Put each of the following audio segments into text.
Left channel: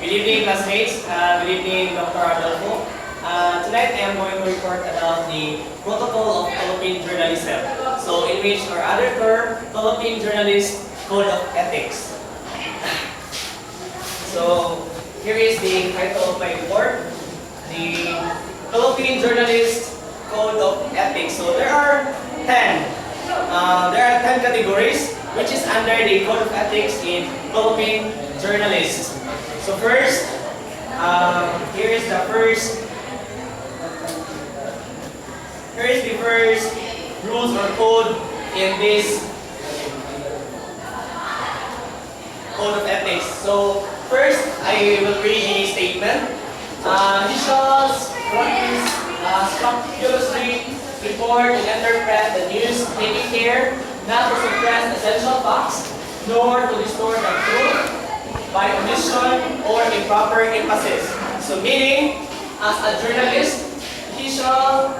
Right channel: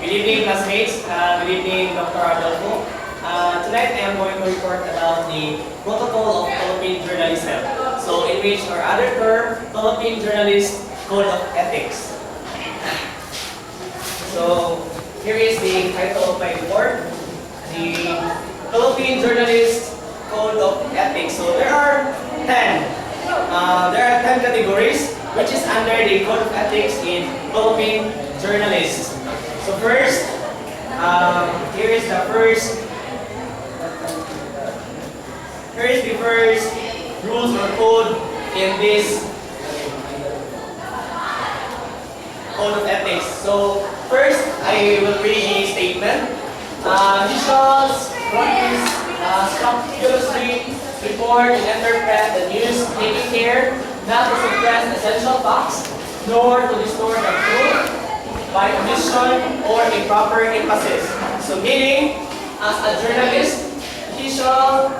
Good evening, classmates. Good evening, Dr. Adolfo. Tonight I am going to report about the protocol of Philippine journalism. So, in which our other term, Philippine Journalist Code of Ethics. So, here is the title of my report, the Philippine Journalist Code of Ethics. So, there are 10 categories which is under the Code of Ethics in Philippine journalists. So first, here is the first rules or code in this Code of Ethics. So first, I will read the statement. He shall scrupulously report and interpret the news, taking care not to suppress essential facts, nor to distort the truth by omission or improper emphasis. So meaning, as a journalist, he shall,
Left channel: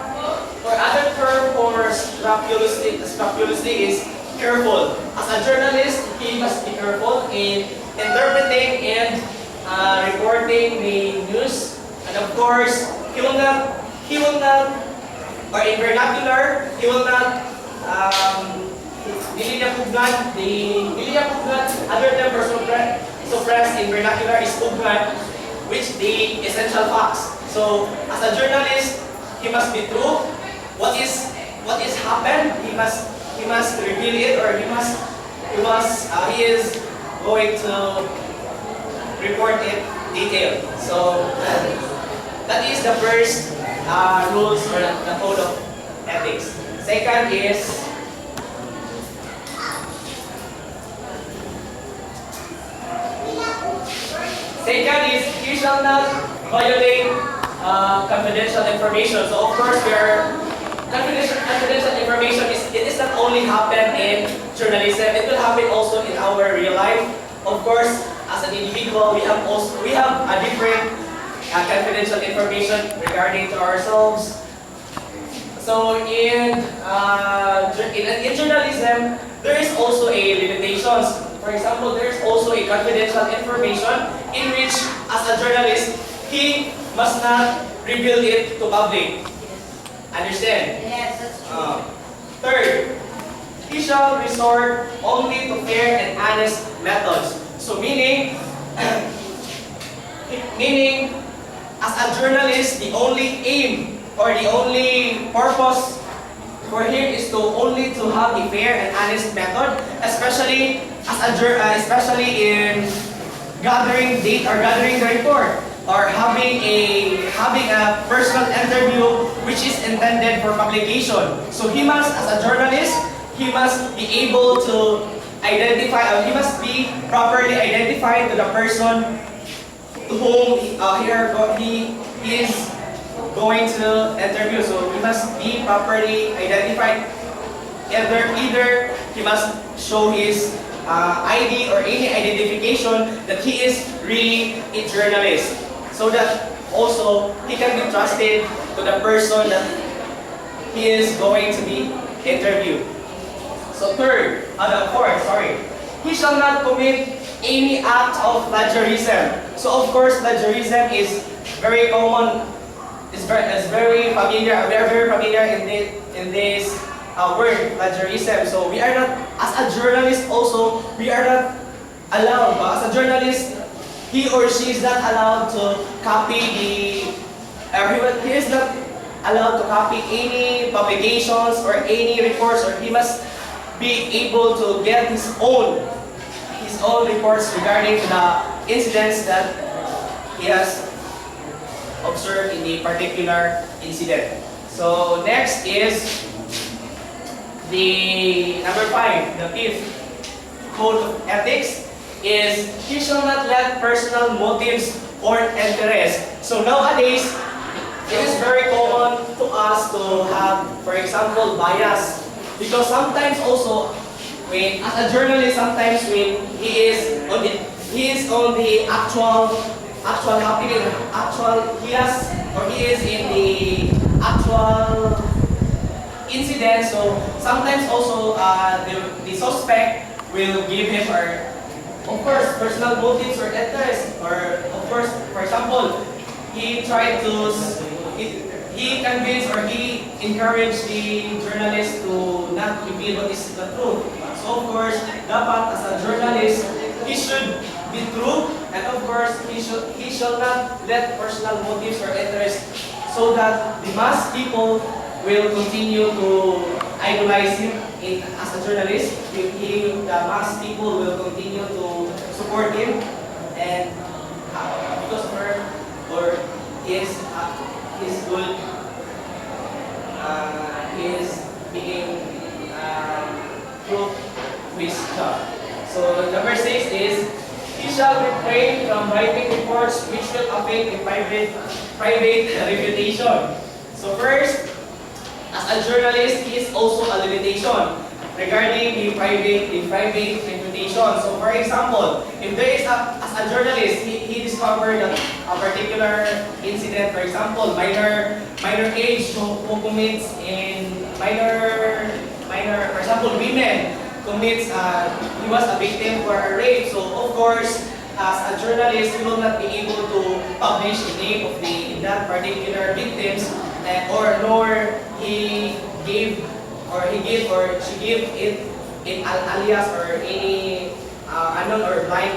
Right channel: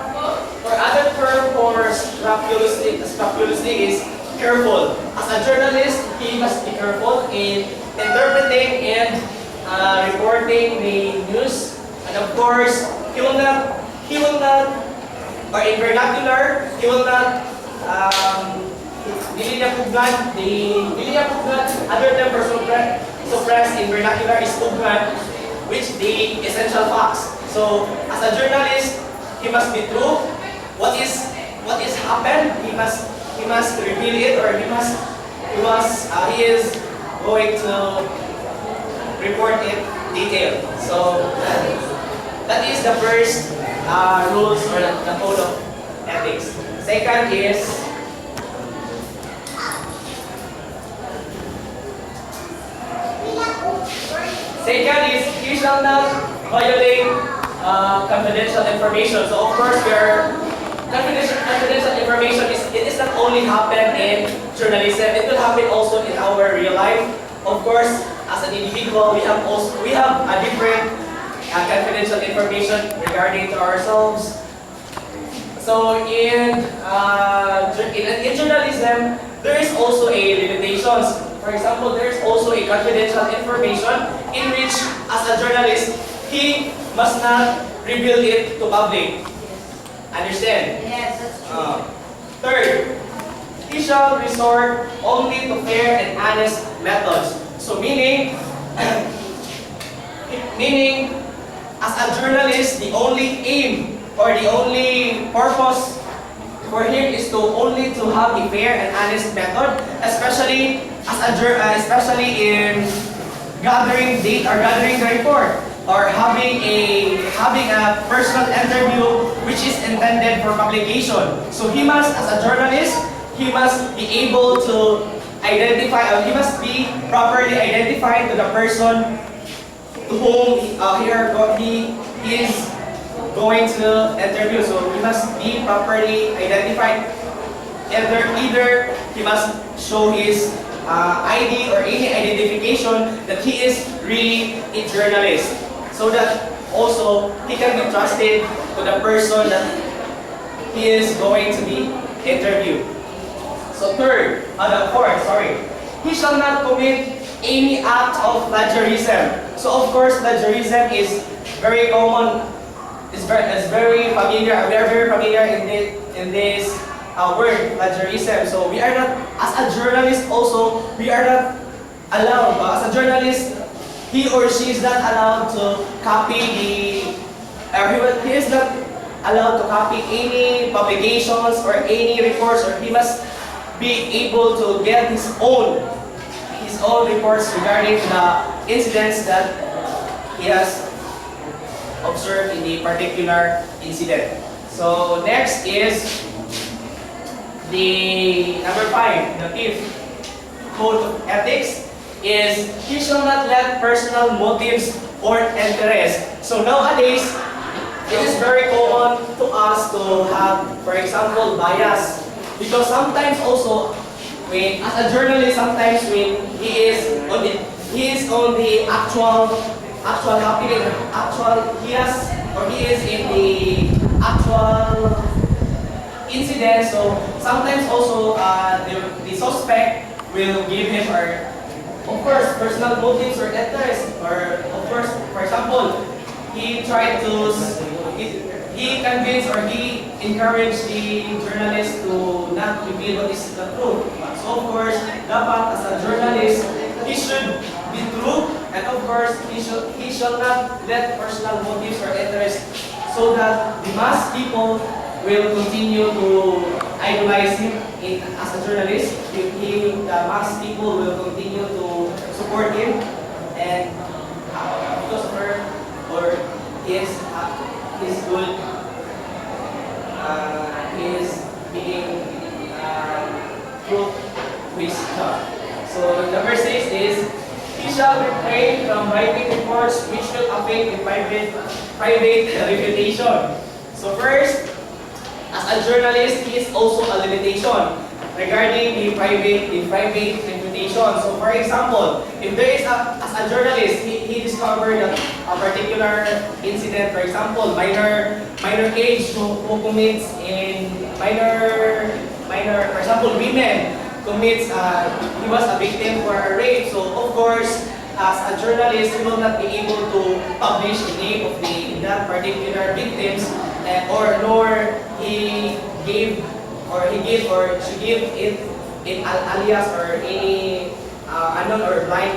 or other term for scrupulously is careful. As a journalist, he must be careful in interpreting and reporting the news. And of course, he will not, or in vernacular, he will not, dili niya pugngan, other term for suppress in vernacular is pugngan, which the essential facts. So, as a journalist, he must be true. What is happened, he must reveal it, or he is going to report it detailed. So, that is the first rules or the code of ethics. Second is he shall not violate confidential information. So of course, confidential information is not only happen in journalism; it will happen also in our real life. Of course, as an individual, we have a different confidential information regarding to ourselves. So in journalism, there is also a limitations. For example, there is also a confidential information in which, as a journalist, he must not reveal it to public. Understand? Yes, that's true. Third, he shall resort only to fair and honest methods. So meaning, as a journalist, the only aim or the only purpose for him is only to have a fair and honest method, especially in gathering data or gathering the report, or having a personal interview which is intended for publication. So he must, as a journalist, he must be able to identify, or he must be properly identified to the person to whom he is going to interview. So he must be properly identified. Either he must show his ID or any identification that he is really a journalist, so that also he can be trusted to the person that he is going to be interviewed. So he shall not commit any act of plagiarism. So of course, plagiarism is very common. It's very familiar. We are very familiar in this word, plagiarism. So we are not, as a journalist also, we are not allowed. As a journalist, he or she is not allowed to copy he is not allowed to copy any publications or any reports, or he must be able to get his own reports regarding the incidents that he has observed in the particular incident. So next is the number 5, the 5th code of ethics is he shall not let personal motives or interest. So nowadays, it is very common to us to have, for example, bias, because sometimes also, as a journalist, sometimes when he is on the actual happening, he is in the actual incident. So sometimes also the suspect will give him or of course, personal motives or interests, or of course, for example, he tried to, he convinced or he encouraged the journalist to not reveal what is the truth. So of course, dapat as a journalist, he should be true, and of course, he shall not let personal motives or interests so that the mass people will continue to idolize him as a journalist. The mass people will continue to support him, and because of her or his good, his being truth to his job. So number 6 is, he shall refrain from writing reports which will affect the private reputation. So first, as a journalist, he is also a limitation regarding the private reputation. So for example, if there is as a journalist, he discovered a particular incident, for example, minor age who commits in minor, for example, women commits, he was a victim for a rape. So of course, as a journalist, he will not be able to publish the name of that particular victims, or nor he gave or she gave it in alias or any unknown or blind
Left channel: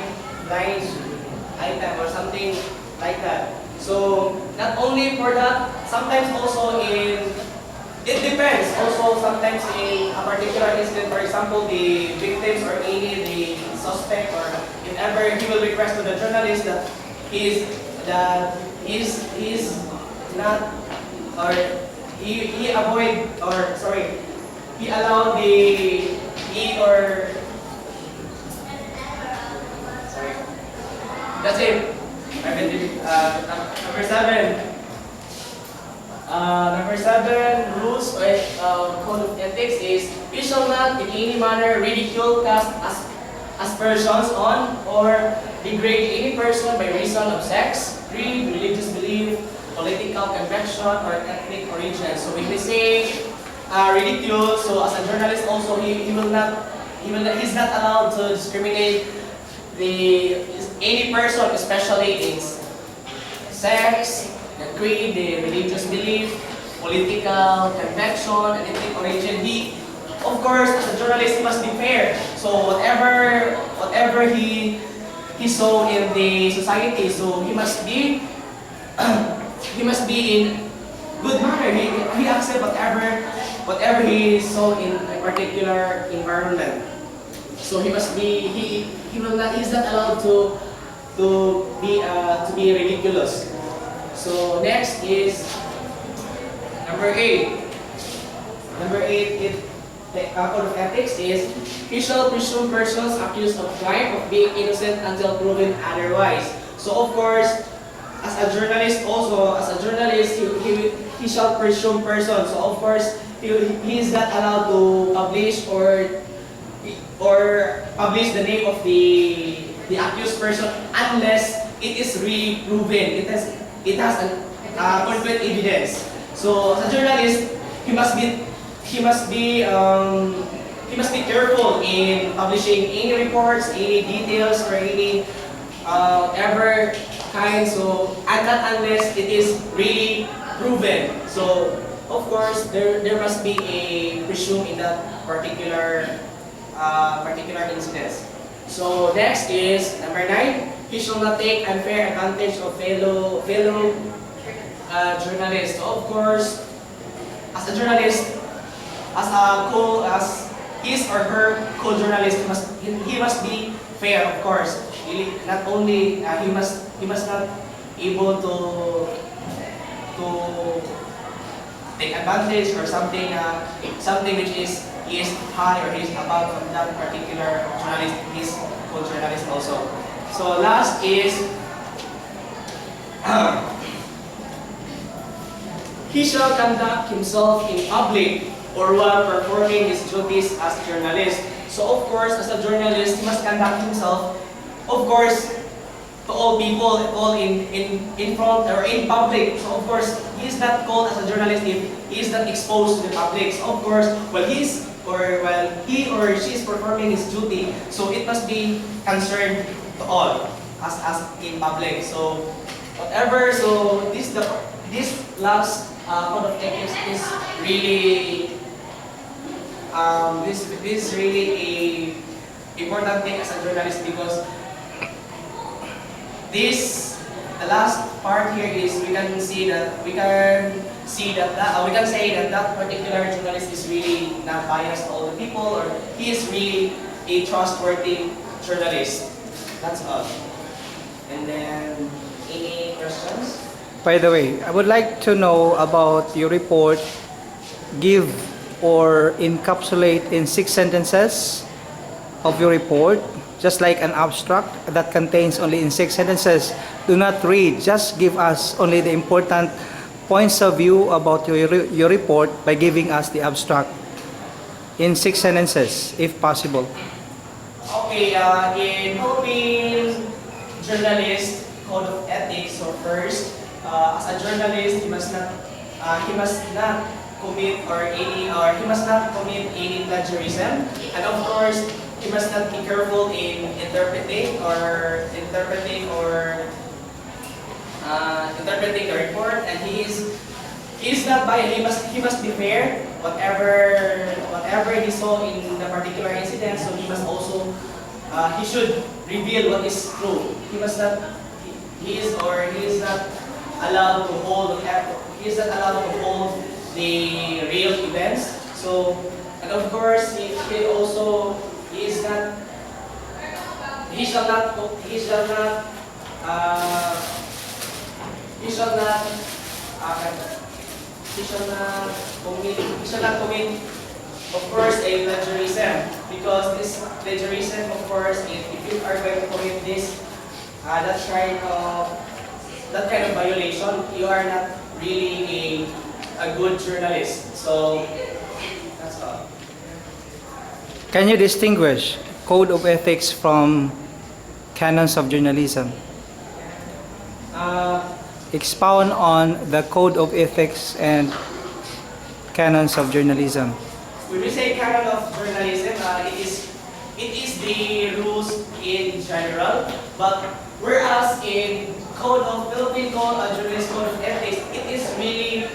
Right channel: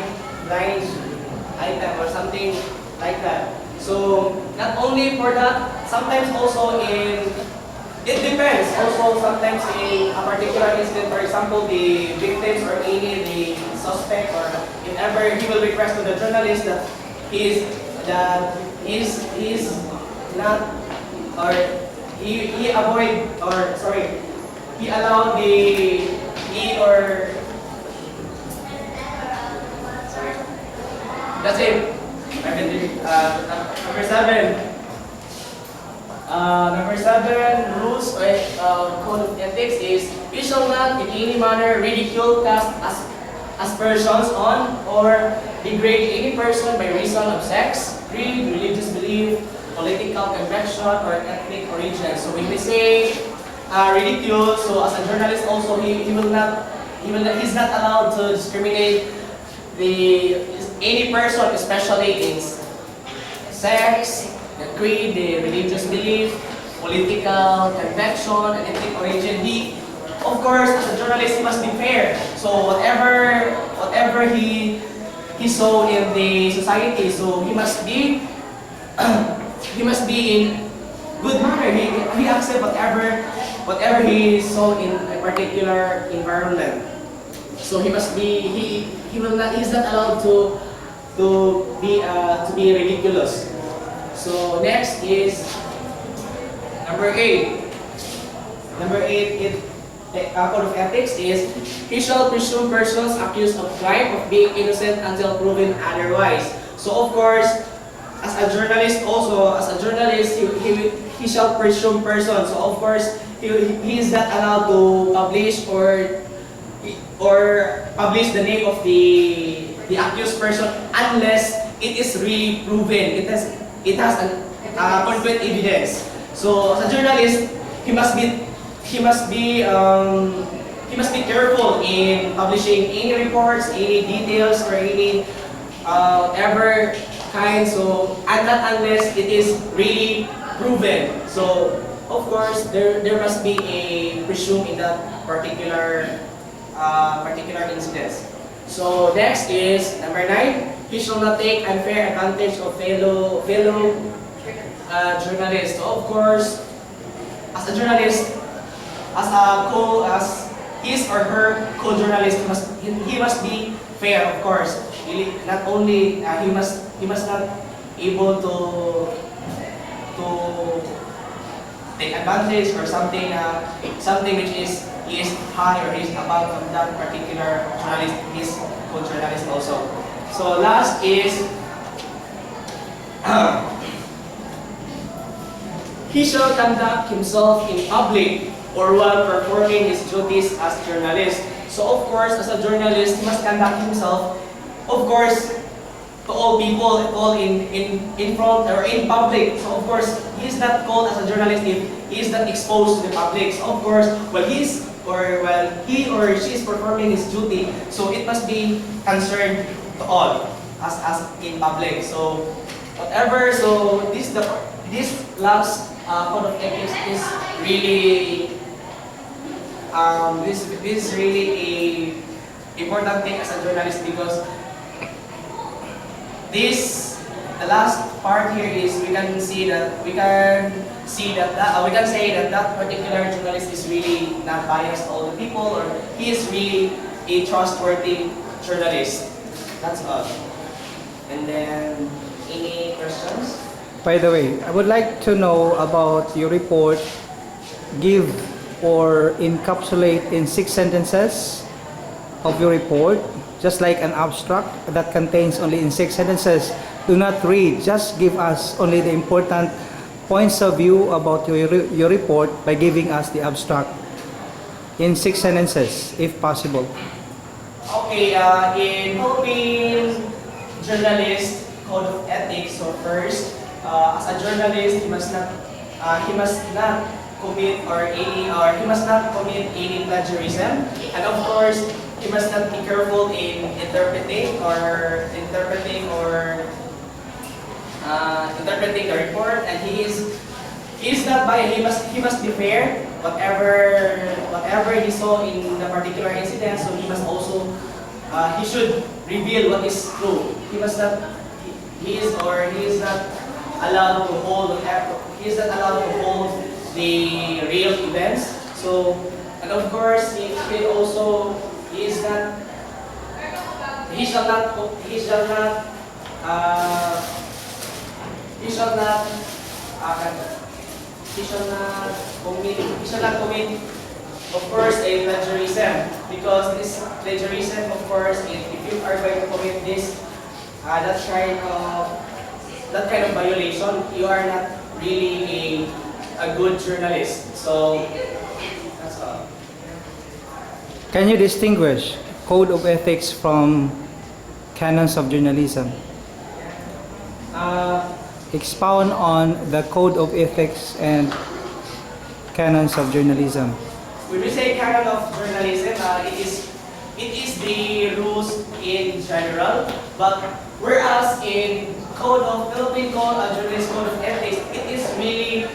item or something like that. So not only for that, sometimes also it depends. Also, sometimes in a particular incident, for example, the victims or any the suspect, or if ever he will request to the journalist that he is not, or he avoid, or sorry, he allowed sorry, that's it. Number 7. Number 7, rules or code of ethics is, we shall not in any manner ridicule, cast aspersions on, or degrade any person by reason of sex, creed, religious belief, political conviction, or ethnic origin. So when we say ridicule, so as a journalist also, he's not allowed to discriminate any person, especially in sex, the creed, the religious belief, political conviction, and ethnic origin. Of course, as a journalist, he must be fair. So whatever he saw in the society, so he must be in good manner. He accept whatever he saw in a particular environment. So he must be he's not allowed to be ridiculous. So next is number 8. Number 8, the code of ethics is, he shall presume persons accused of crime of being innocent until proven otherwise. So of course, as a journalist, he shall presume persons. So of course, he is not allowed to publish or publish the name of the accused person unless it is really proven. It has an concrete evidence. So as a journalist, he must be careful in publishing any reports, any details, or any ever kind. So and not unless it is really proven. So of course there must be a presume in that particular incident. So next is number 9. He shall not take unfair advantage of fellow journalists. So of course, as a journalist, as his or her co-journalist, he must be fair. Of course, not only he must not able to take advantage or something which is he is high or he is above from that particular journalist, his co-journalist also. So last is he shall conduct himself in public or while performing his duties as journalist. So of course, as a journalist, he must conduct himself, of course, to all people, all in front or in public. So of course, he is not called as a journalist if he is not exposed to the public. So of course, well, he or while he or she is performing his duty, so it must be concerned to all as in public. So whatever, so this last code of ethics is really this is really a important thing as a journalist, because the last part here is we can say that that particular journalist is really not biased to all the people, or he is really a trustworthy journalist. That's all. And then any questions? By the way, I would like to know about your report. Give or encapsulate in 6 sentences of your report, just like an abstract that contains only in 6 sentences. Do not read, just give us only the important points of view about your report by giving us the abstract in 6 sentences, if possible. Okay, in Philippine journalist code of ethics, so first, as a journalist, he must not commit any plagiarism, and of course, he must not be careful in interpreting the report, and he is not biased. He must be fair. Whatever he saw in the particular incident, so he must also he should reveal what is true. He is not allowed to hold the real events. So, and of course, he shall not commit, of course, a plagiarism, because this plagiarism, of course, if you are going to commit this that kind of violation, you are not really a good journalist. So that's all. Can you distinguish code of ethics from canons of journalism? Expound on the code of ethics and canons of journalism. When we say canon of journalism, it is the rules in general, but whereas in Philippine journalist code of ethics, it is really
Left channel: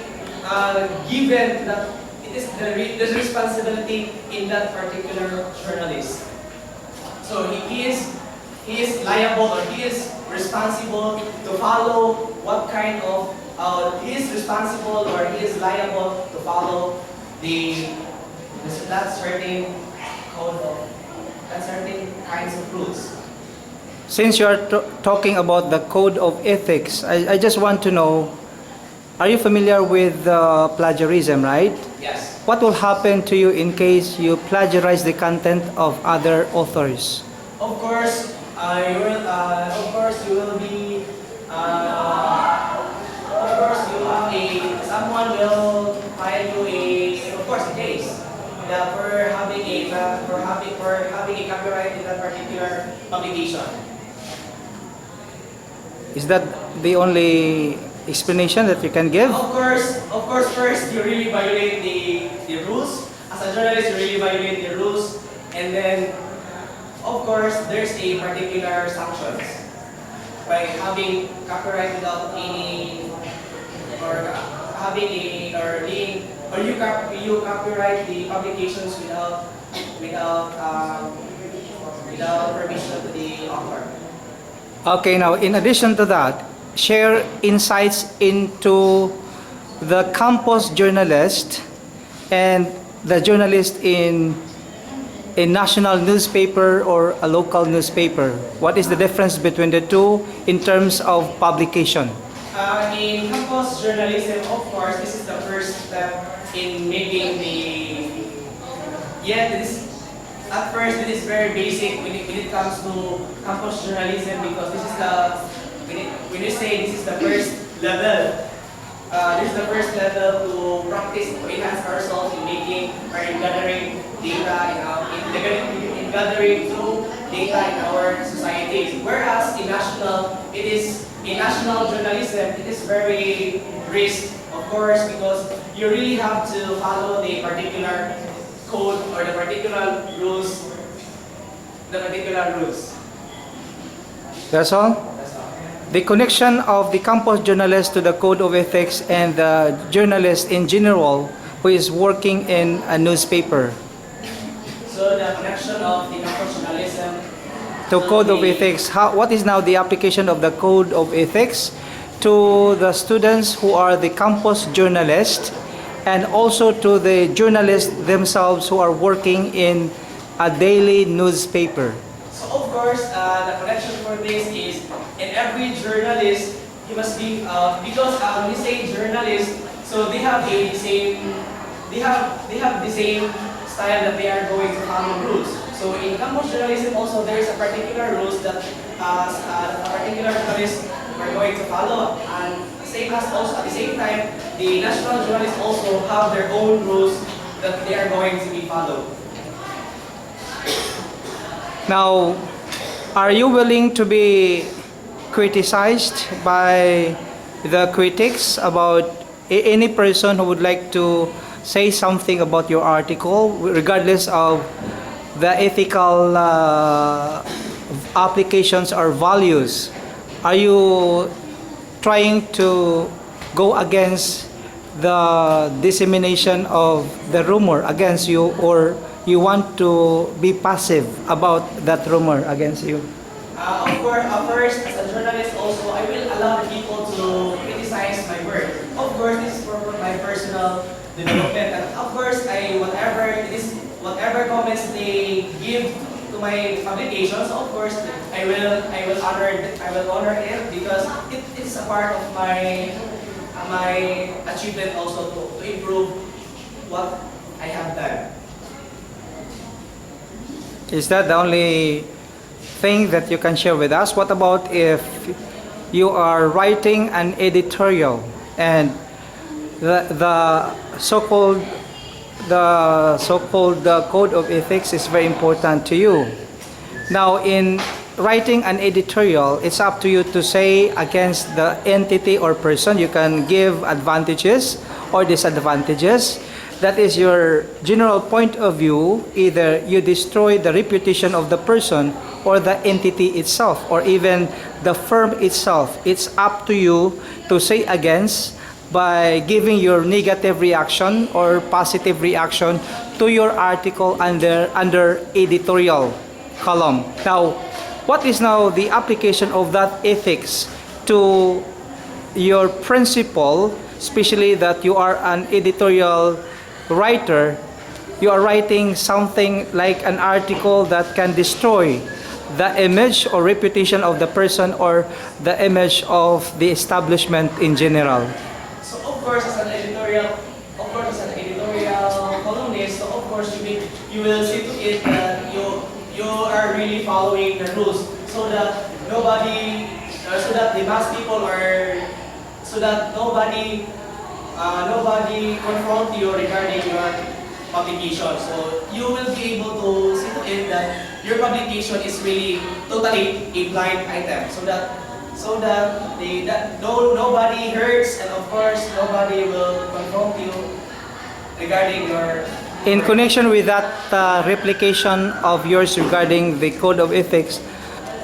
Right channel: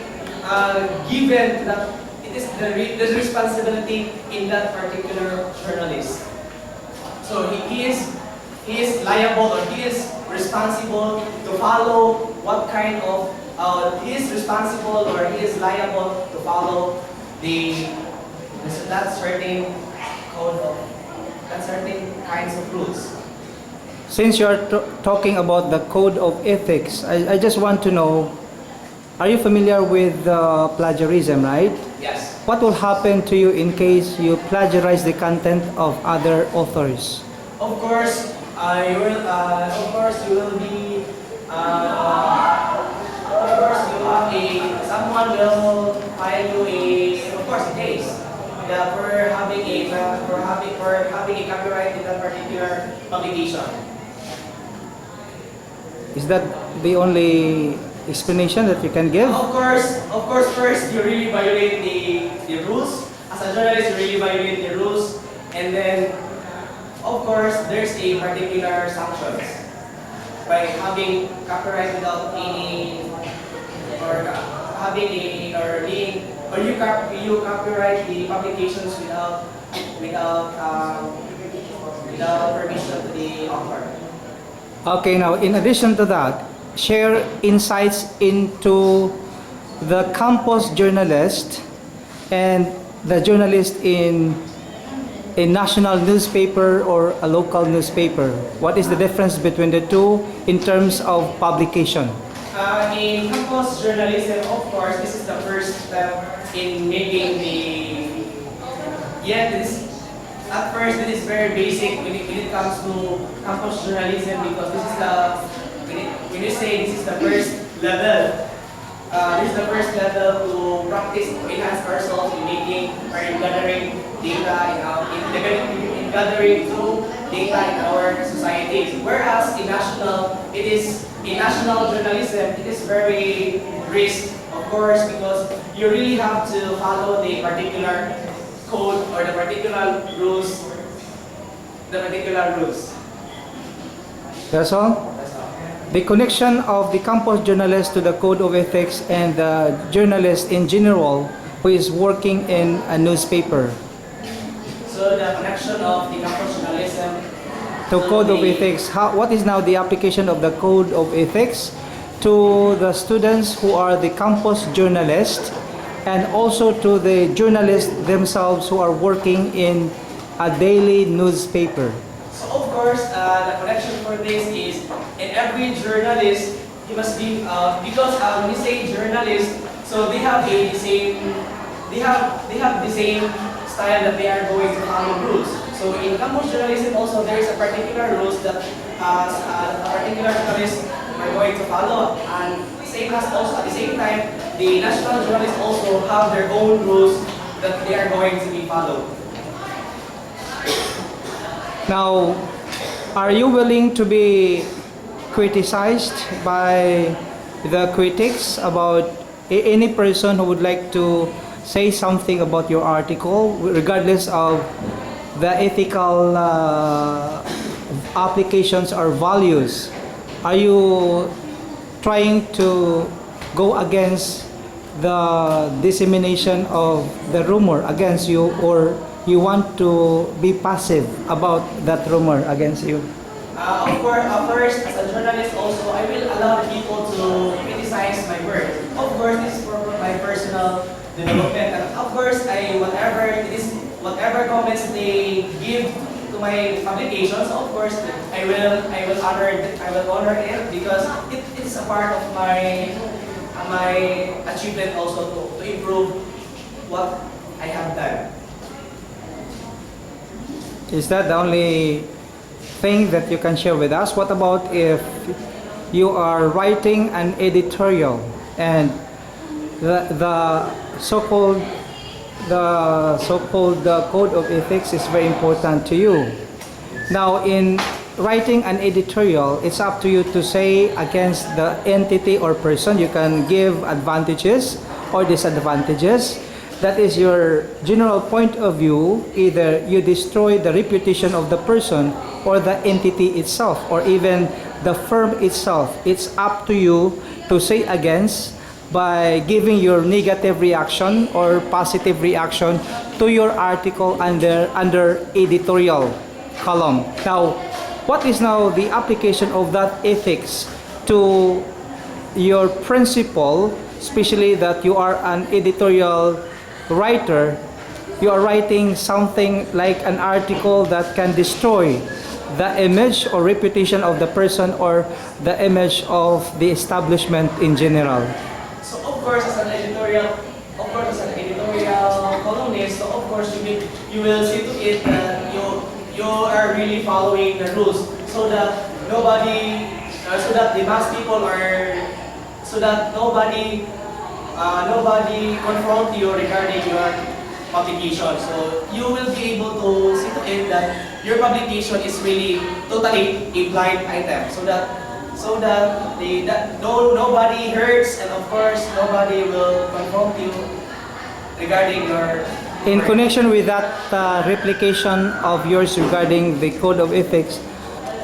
given that it is the responsibility in that particular journalist. So he is liable, or he is responsible to follow what kind of he is responsible, or he is liable to follow that certain kinds of rules. Since you are talking about the code of ethics, I just want to know, are you familiar with plagiarism, right? Yes. What will happen to you in case you plagiarize the content of other authors? Of course, you will be. Someone will file you a case for having a copyright in that particular publication. Is that the only explanation that you can give? Of course, first you really violate the rules. As a journalist, you really violate the rules, and then, of course, there's a particular sanctions by having copyright without any, or having a, or being, or you copyright the publications without permission to the author. Okay, now in addition to that, share insights into the campus journalist and the journalist in a national newspaper or a local newspaper. What is the difference between the two in terms of publication? In campus journalism, of course, this is the first step in making at first it is very basic when it comes to campus journalism, because this is when you say this is the first level. This is the first level to practice, to enhance ourselves in making or in gathering data in gathering through data in our societies. Whereas in national journalism, it is very risk, of course, because you really have to follow the particular code or the particular rules. The particular rules. That's all? That's all. The connection of the campus journalist to the code of ethics and the journalist in general who is working in a newspaper So the connection of the campus journalism to code of ethics. What is now the application of the code of ethics to the students who are the campus journalists and also to the journalists themselves who are working in a daily newspaper? So of course, the connection for this is in every journalist, he must be because when we say journalist, so they have the same style that they are going to follow rules. So in campus journalism also there is a particular rules that a particular journalists are going to follow, and same as also at the same time the national journalists also have their own rules that they are going to be followed. Now, are you willing to be criticized by the critics about any person who would like to say something about your article, regardless of the ethical applications or values? Are you trying to go against the dissemination of the rumor against you, or you want to be passive about that rumor against you? Of course, first, as a journalist also, I will allow the people to criticize my work. Of course, this is for my personal development. And of course, whatever comments they give to my publications, of course, I will honor it because it is a part of my achievement also to improve what I have done. Is that the only thing that you can share with us? What about if you are writing an editorial and the so-called code of ethics is very important to you? Now, in writing an editorial, it's up to you to say against the entity or person. You can give advantages or disadvantages. That is your general point of view. Either you destroy the reputation of the person or the entity itself or even the firm itself. It's up to you to say against by giving your negative reaction or positive reaction to your article under editorial column. Now, what is now the application of that ethics to your principle, especially that you are an editorial writer? You are writing something like an article that can destroy the image or reputation of the person or the image of the establishment in general. So of course, as an editorial columnist, so of course you will see to it that you are really following the rules, so that so that the mass people so that nobody confront you regarding your publication. So you will be able to see to it that your publication is really totally a blind item, so that nobody hurts, and of course nobody will confront you regarding your. In connection with that replication of yours regarding the code of ethics,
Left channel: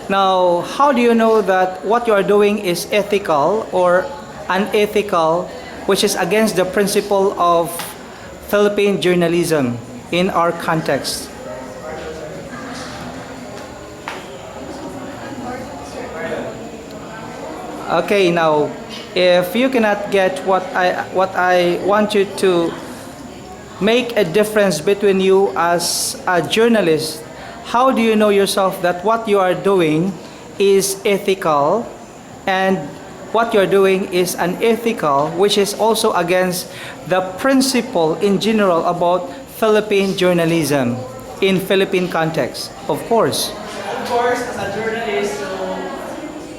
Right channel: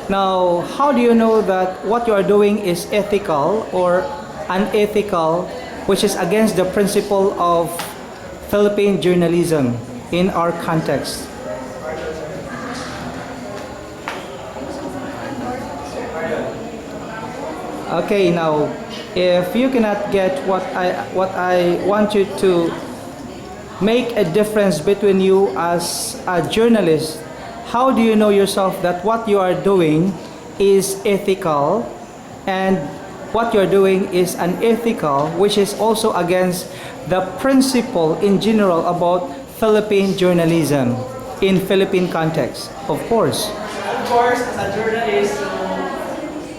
now how do you know that what you are doing is ethical or unethical, which is against the principle of Philippine journalism in our context? Okay, now if you cannot get what I want you to make a difference between you as a journalist, how do you know yourself that what you are doing is ethical and what you're doing is unethical, which is also against the principle in general about Philippine journalism in Philippine context? Of course, As a journalist, so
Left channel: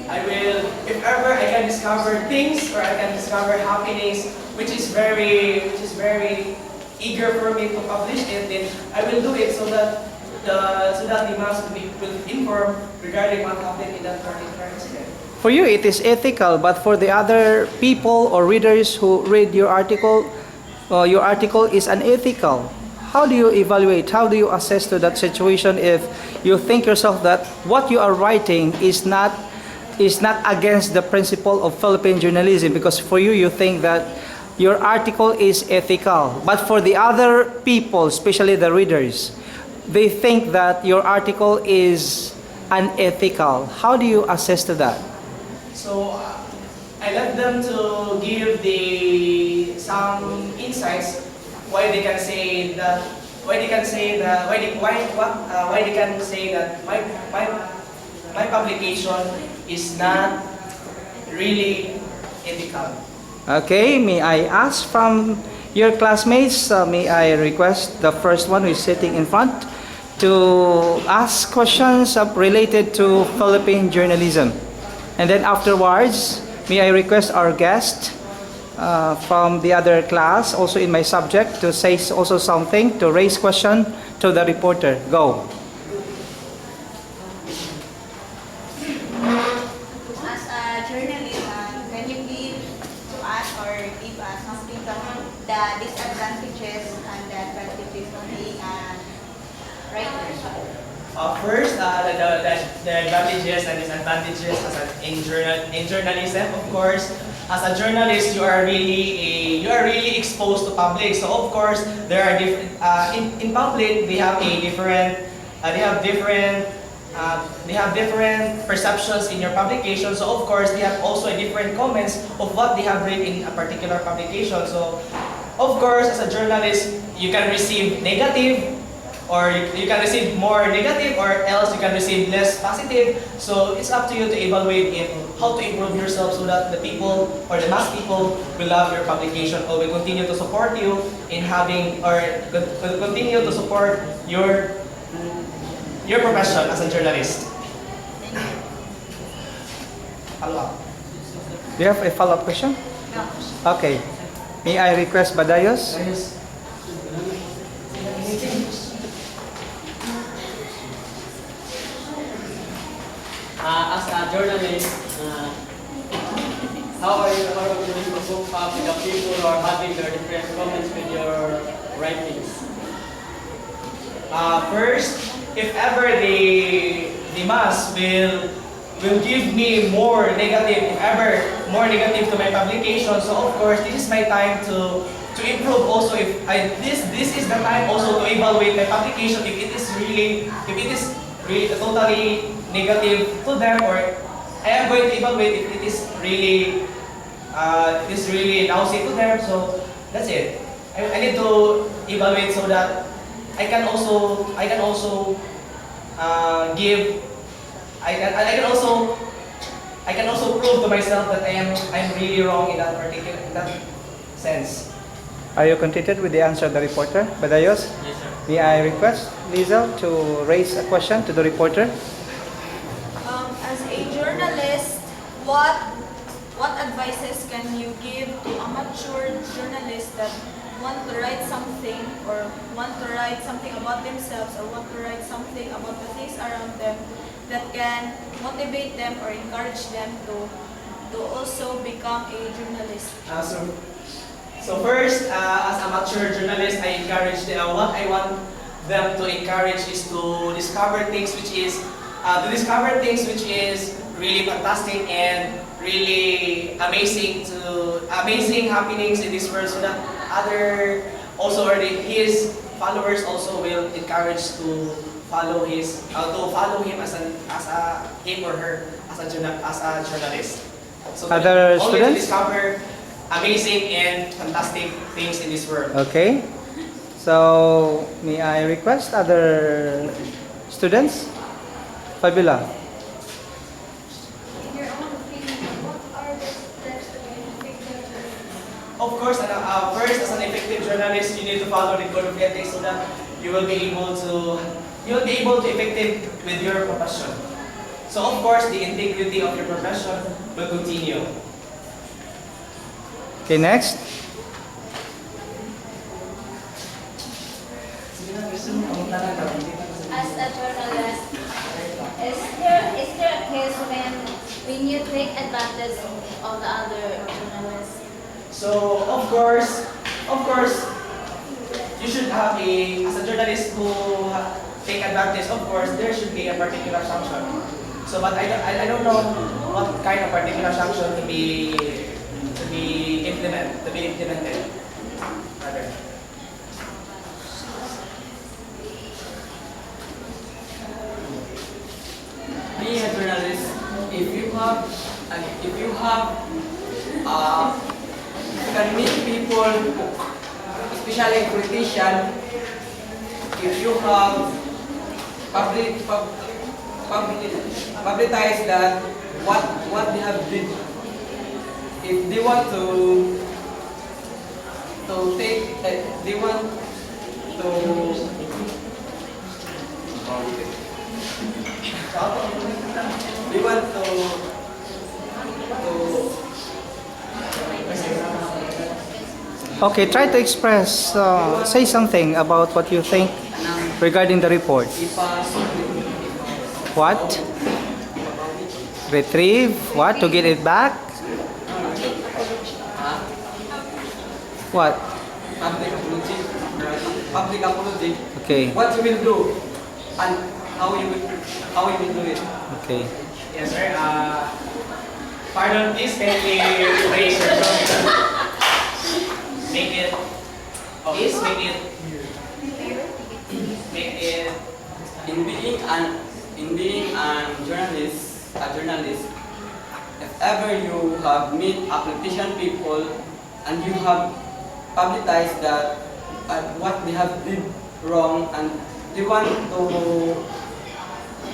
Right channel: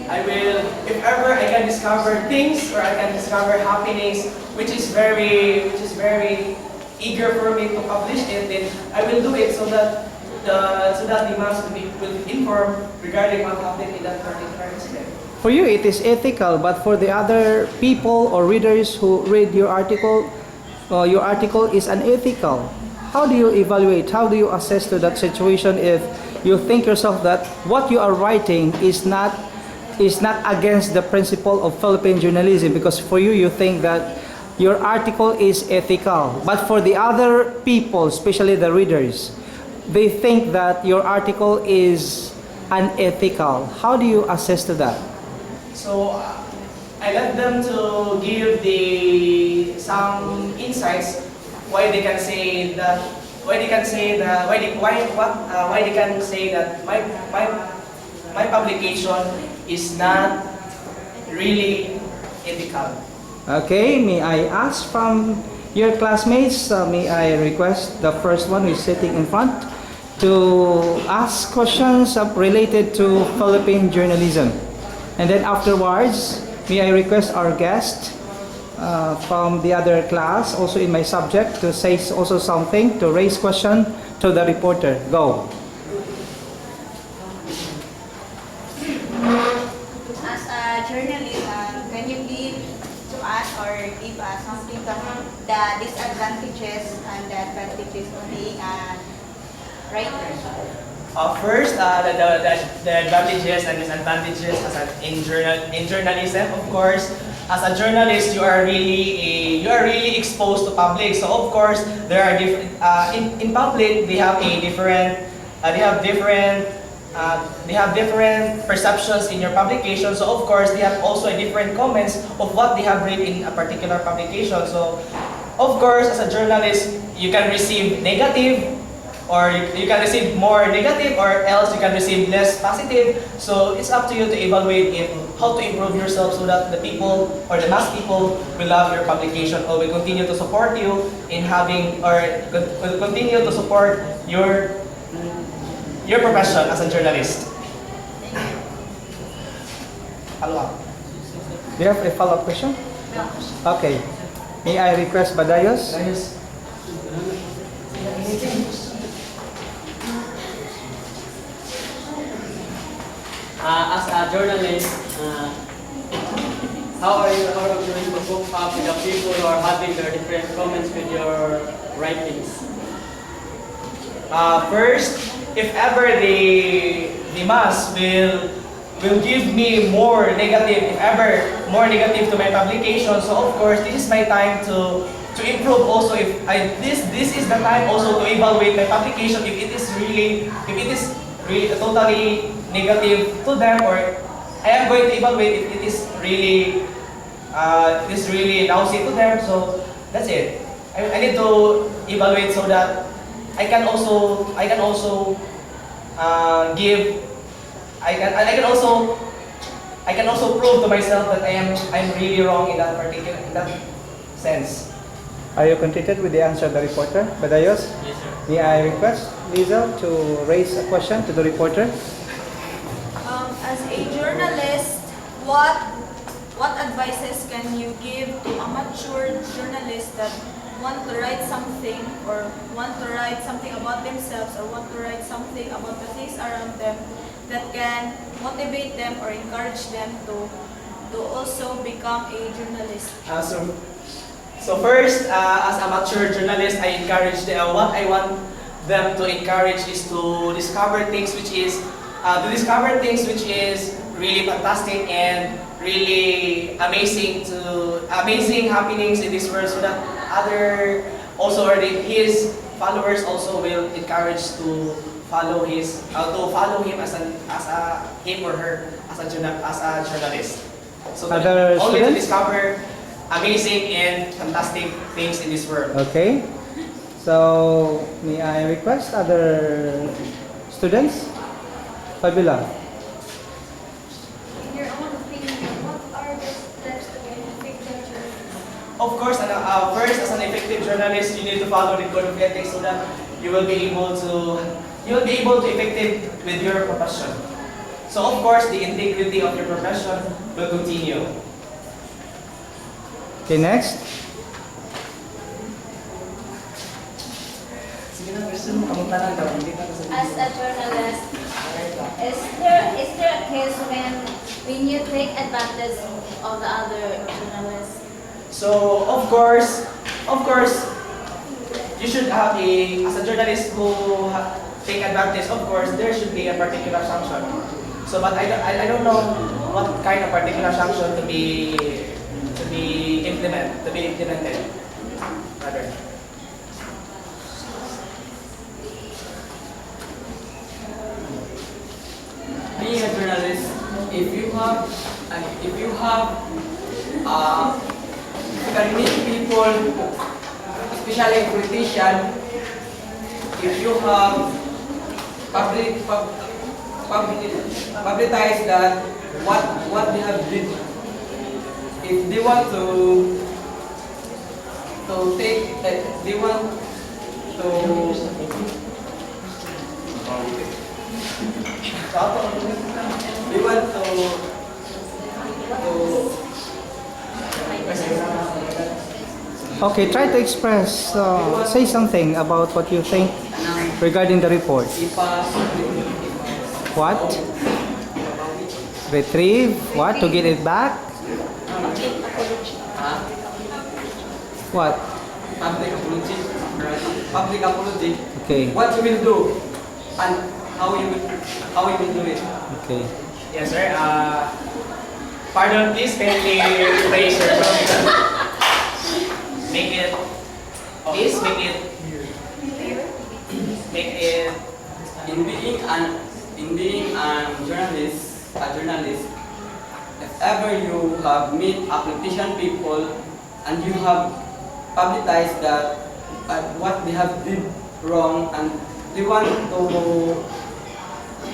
I will, if ever I can discover things or I can discover happenings which is very eager for me to publish it, then I will do it so that the mass will be informed regarding what happened in that particular incident. for you it is ethical, but for the other people or readers who read your article is unethical. how do you evaluate, how do you assess to that situation if you think yourself that what you are writing is not against the principle of Philippine journalism, because for you, you think that your article is ethical, but for the other people, especially the readers, they think that your article is unethical. How do you assess to that? So I let them to give the some insights why they can say that why they can say that why they can say that my publication is not really ethical. Okay, may I ask from your classmates, may I request the first one who is sitting in front to ask questions related to Philippine journalism. And then afterwards, may I request our guest from the other class, also in my subject, to say also something, to raise question to the reporter. Go. As a journalist, can you give to us or give us something about the disadvantages and the advantages of being a writer? First, the advantages and disadvantages in journalism. Of course, as a journalist, you are really exposed to public. So of course, there are different in public. They have a different they have different perceptions in your publication. So of course, they have also a different comments of what they have read in a particular publication. So of course, as a journalist, you can receive negative, or you can receive more negative, or else you can receive less positive. So it's up to you to evaluate how to improve yourself so that the people or the mass people will love your publication or will continue to support you in having, or will continue to support your profession as a journalist. Follow up. Do you have a follow-up question? Okay. May I request Badayos? As a journalist, how are you going to cope up with the people who are having their different comments with your writings? First, if ever the mass will give me more negative, if ever more negative to my publication, so of course this is my time to improve also. If this is the time also to evaluate my publication if it is really totally negative to them, or I am going to evaluate if it is really lousy to them. So that's it. I need to evaluate so that I can also prove to myself that I'm really wrong in that sense. Are you contented with the answer of the reporter, Badayos? Yes, sir. May I request Lizel to raise a question to the reporter? As a journalist, what advices can you give to amateur journalists that want to write something, or want to write something about themselves, or want to write something about the things around them that can motivate them or encourage them to also become a journalist? So first, as amateur journalist, I encourage them. What I want them to encourage is to discover things which is really fantastic and really amazing happenings in this world, so that other also, or his followers also will encourage to follow him as him or her as a journalist. So Other only to students? discover amazing and fantastic things in this world. Okay. So, may I request other students? Fabiola. In your own opinion, what are the steps to be an effective journalist? Of course, first, as an effective journalist, you need to follow the code of ethics so that you will be able to effective with your profession. So of course, the integrity of your profession will continue. Okay, next. As a journalist, is there a case when you take advantage of the other journalists? So of course, you should have as a journalist who take advantage, of course, there should be a particular sanction. So, but I don't know what kind of particular sanction to be implemented. Rather. Being a journalist, if you have, you can meet people, especially politicians, if you have publicize that what they have did, if they want to take, they want to they want Okay, try to express, say something about what you think regarding the report. What? Retrieve? What? To get it back? What? public apology. Okay. What you will do and how you will do it. Okay. Yes, sir. Pardon, please kindly raise your voice. Make it, please make it In being a journalist, if ever you have meet a politician people and you have publicized that what they have did wrong and they want to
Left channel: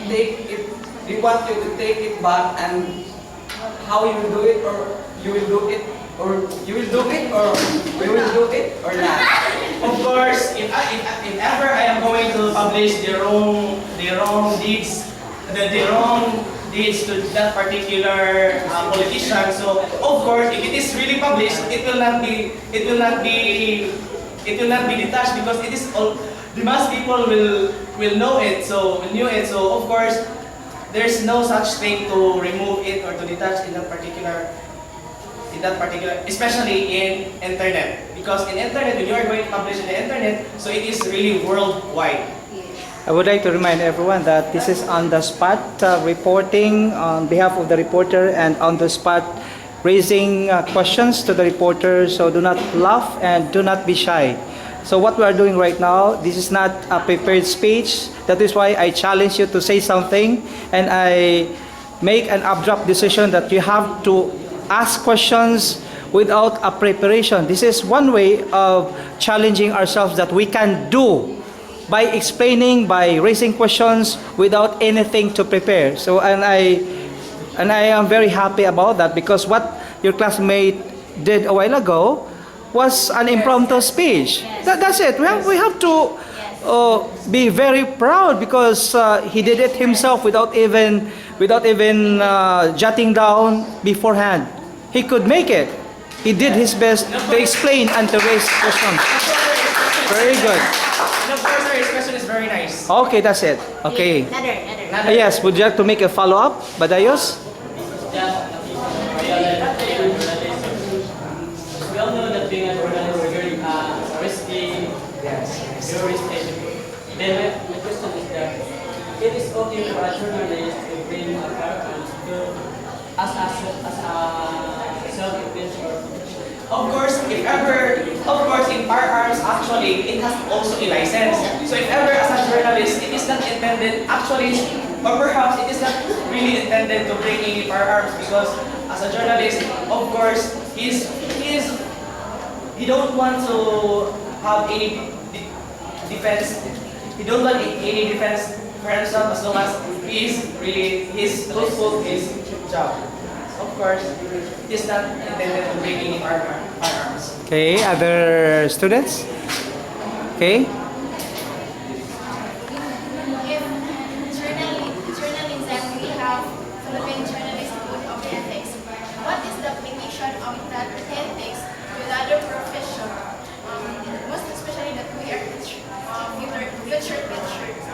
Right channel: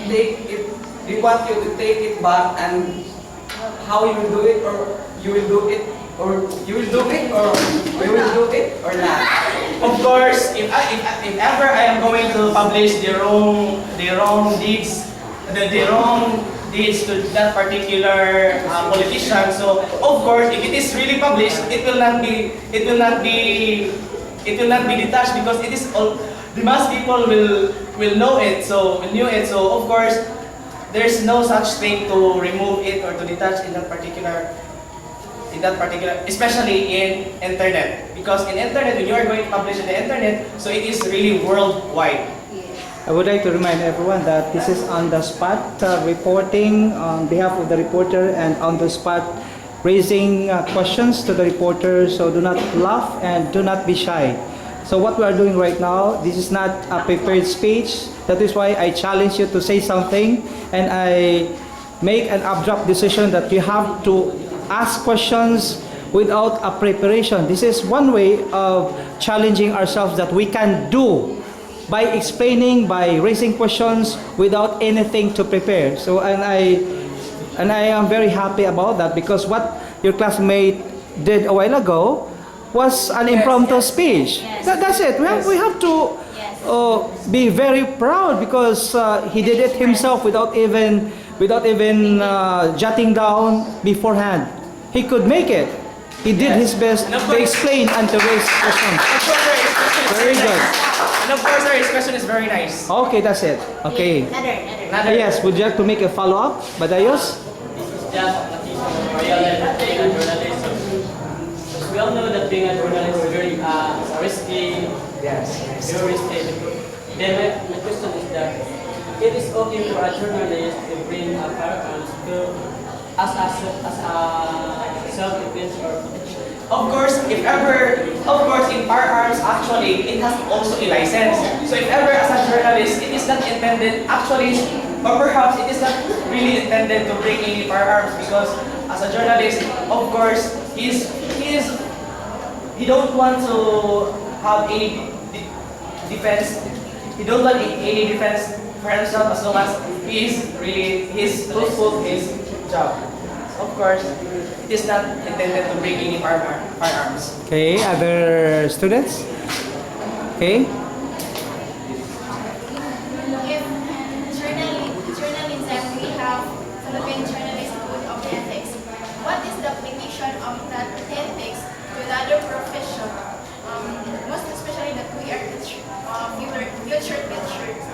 take it, they want you to take it back, and how you will do it, or you will do it, or you will do it, or we will do it or not. Of course, if ever I am going to publish the wrong deeds, the wrong deeds to that particular politician, so of course, if it is really published, it will not be detached, because it is all the mass people will know it. So of course, there's no such thing to remove it or to detach in that particular, especially in internet, because in internet, when you are going to publish in the internet, so it is really worldwide. I would like to remind everyone that this is on the spot reporting on behalf of the reporter, and on the spot raising questions to the reporter, so do not laugh and do not be shy. So what we are doing right now, this is not a prepared speech. That is why I challenge you to say something, and I make an abrupt decision that you have to ask questions without a preparation. This is one way of challenging ourselves that we can do by explaining, by raising questions without anything to prepare. So, and I am very happy about that, because what your classmate did a while ago was an impromptu speech. That's it. We have to be very proud, because he did it himself without even jotting down beforehand. He could make it. He did his best to explain and to raise questions. Very good. And of course, sir, his question is very nice. Okay, that's it. Okay. Another. Yes, would you like to make a follow-up, Badayos? Just being a journalist. We all know that being a journalist is very risky. Yes. Very risky. Then my question is that it is okay for a journalist to bring a firearms to as a self-defense or protection. Of course, in firearms, actually, it has also a license. So if ever as a journalist, it is not intended, actually, or perhaps it is not really intended to bring any firearms, because as a journalist, of course, he don't want to have any defense. He don't want any defense for himself, as long as he is really truthful his job. Of course, it is not intended to bring any firearms. Okay, other students? Okay. If journalism, we have Philippine Journalist Code of Ethics, what is the application of that ethics to the other profession? Most especially that we are future teachers.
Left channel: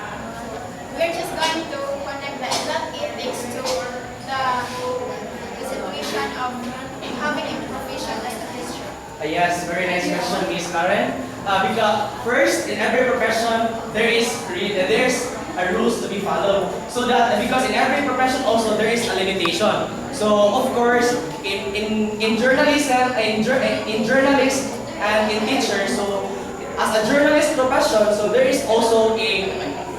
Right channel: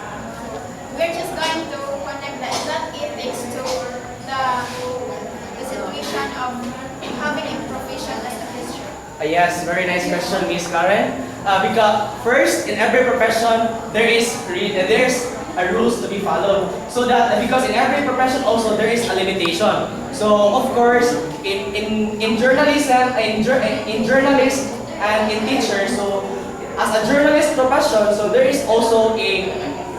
We're just going to connect that ethics to the situation of having a profession as a teacher. Yes, very nice question, Miss Karen. Because first, in every profession, there's a rules to be followed. So that because in every profession also there is a limitation. So of course, in journalism, in journalists and in teachers, so as a journalist profession, so there is also a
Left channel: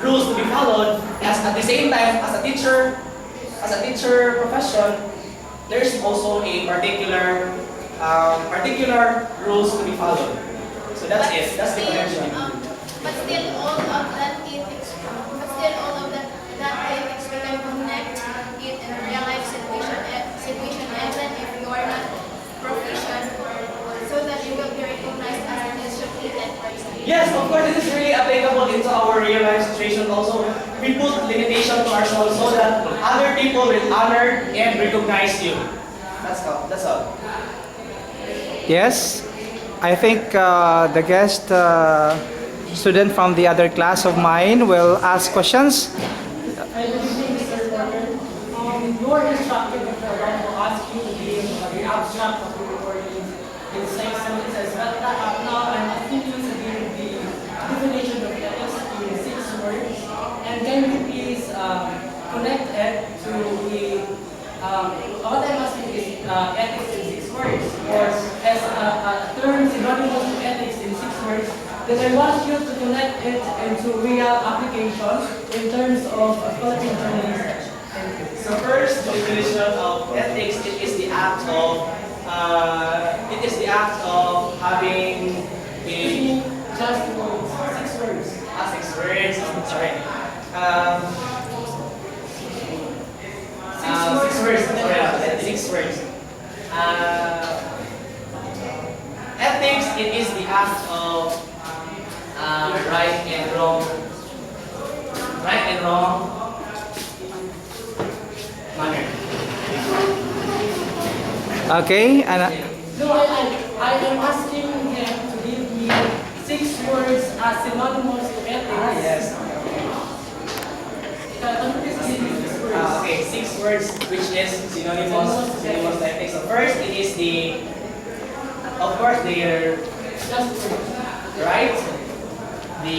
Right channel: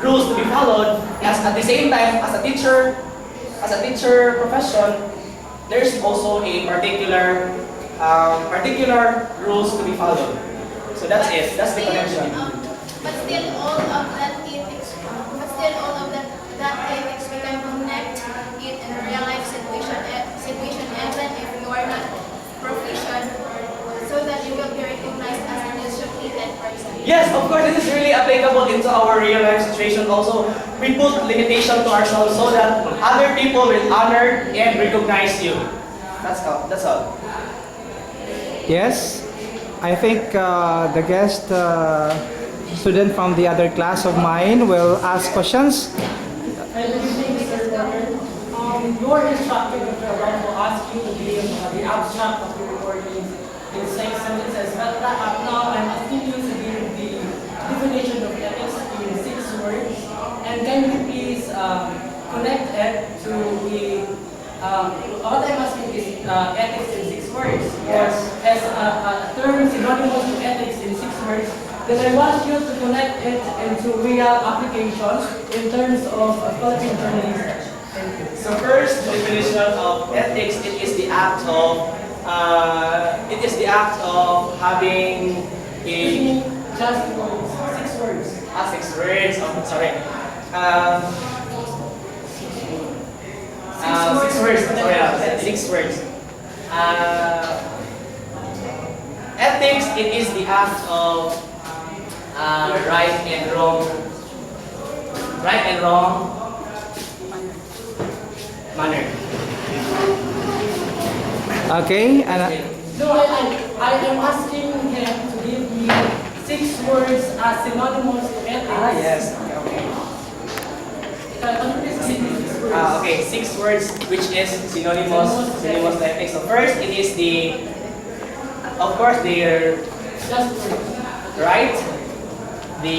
rules to be followed. As at the same time, as a teacher profession, there is also a particular rules to be followed. So that's it. That's the connection. But still, all of that ethics, that ethics, we can connect it in a real life situation, even if you are not proficient, so that you will be recognized as an educated person. Yes, of course, this is really applicable into our real life situation also. We put limitation to ourselves so that other people will honor and recognize you. That's all. That's all. Yes, I think the guest student from the other class of mine will ask questions. I believe, Mr. Warner, your instructor will ask you to give the abstract of your report in 6 sentences, but now I'm asking you to give the definition of ethics in 6 words, and can you please connect it to the, what I'm asking is ethics in 6 words, or as a term synonymous to ethics in 6 words, then I want you to connect it into real applications in terms of Philippine journalism. So first, the definition of ethics, it is the act of having a Just words, 6 words. 6 words. Oh, sorry. 6 words. Sorry, 6 words. Ethics, it is the act of right and wrong manner. Okay, and No, I am asking him to give me 6 words as synonymous to ethics. Yes. Can you please give me 6 words? Okay, 6 words which is synonymous to ethics. So first, it is of course, the Just words. right, the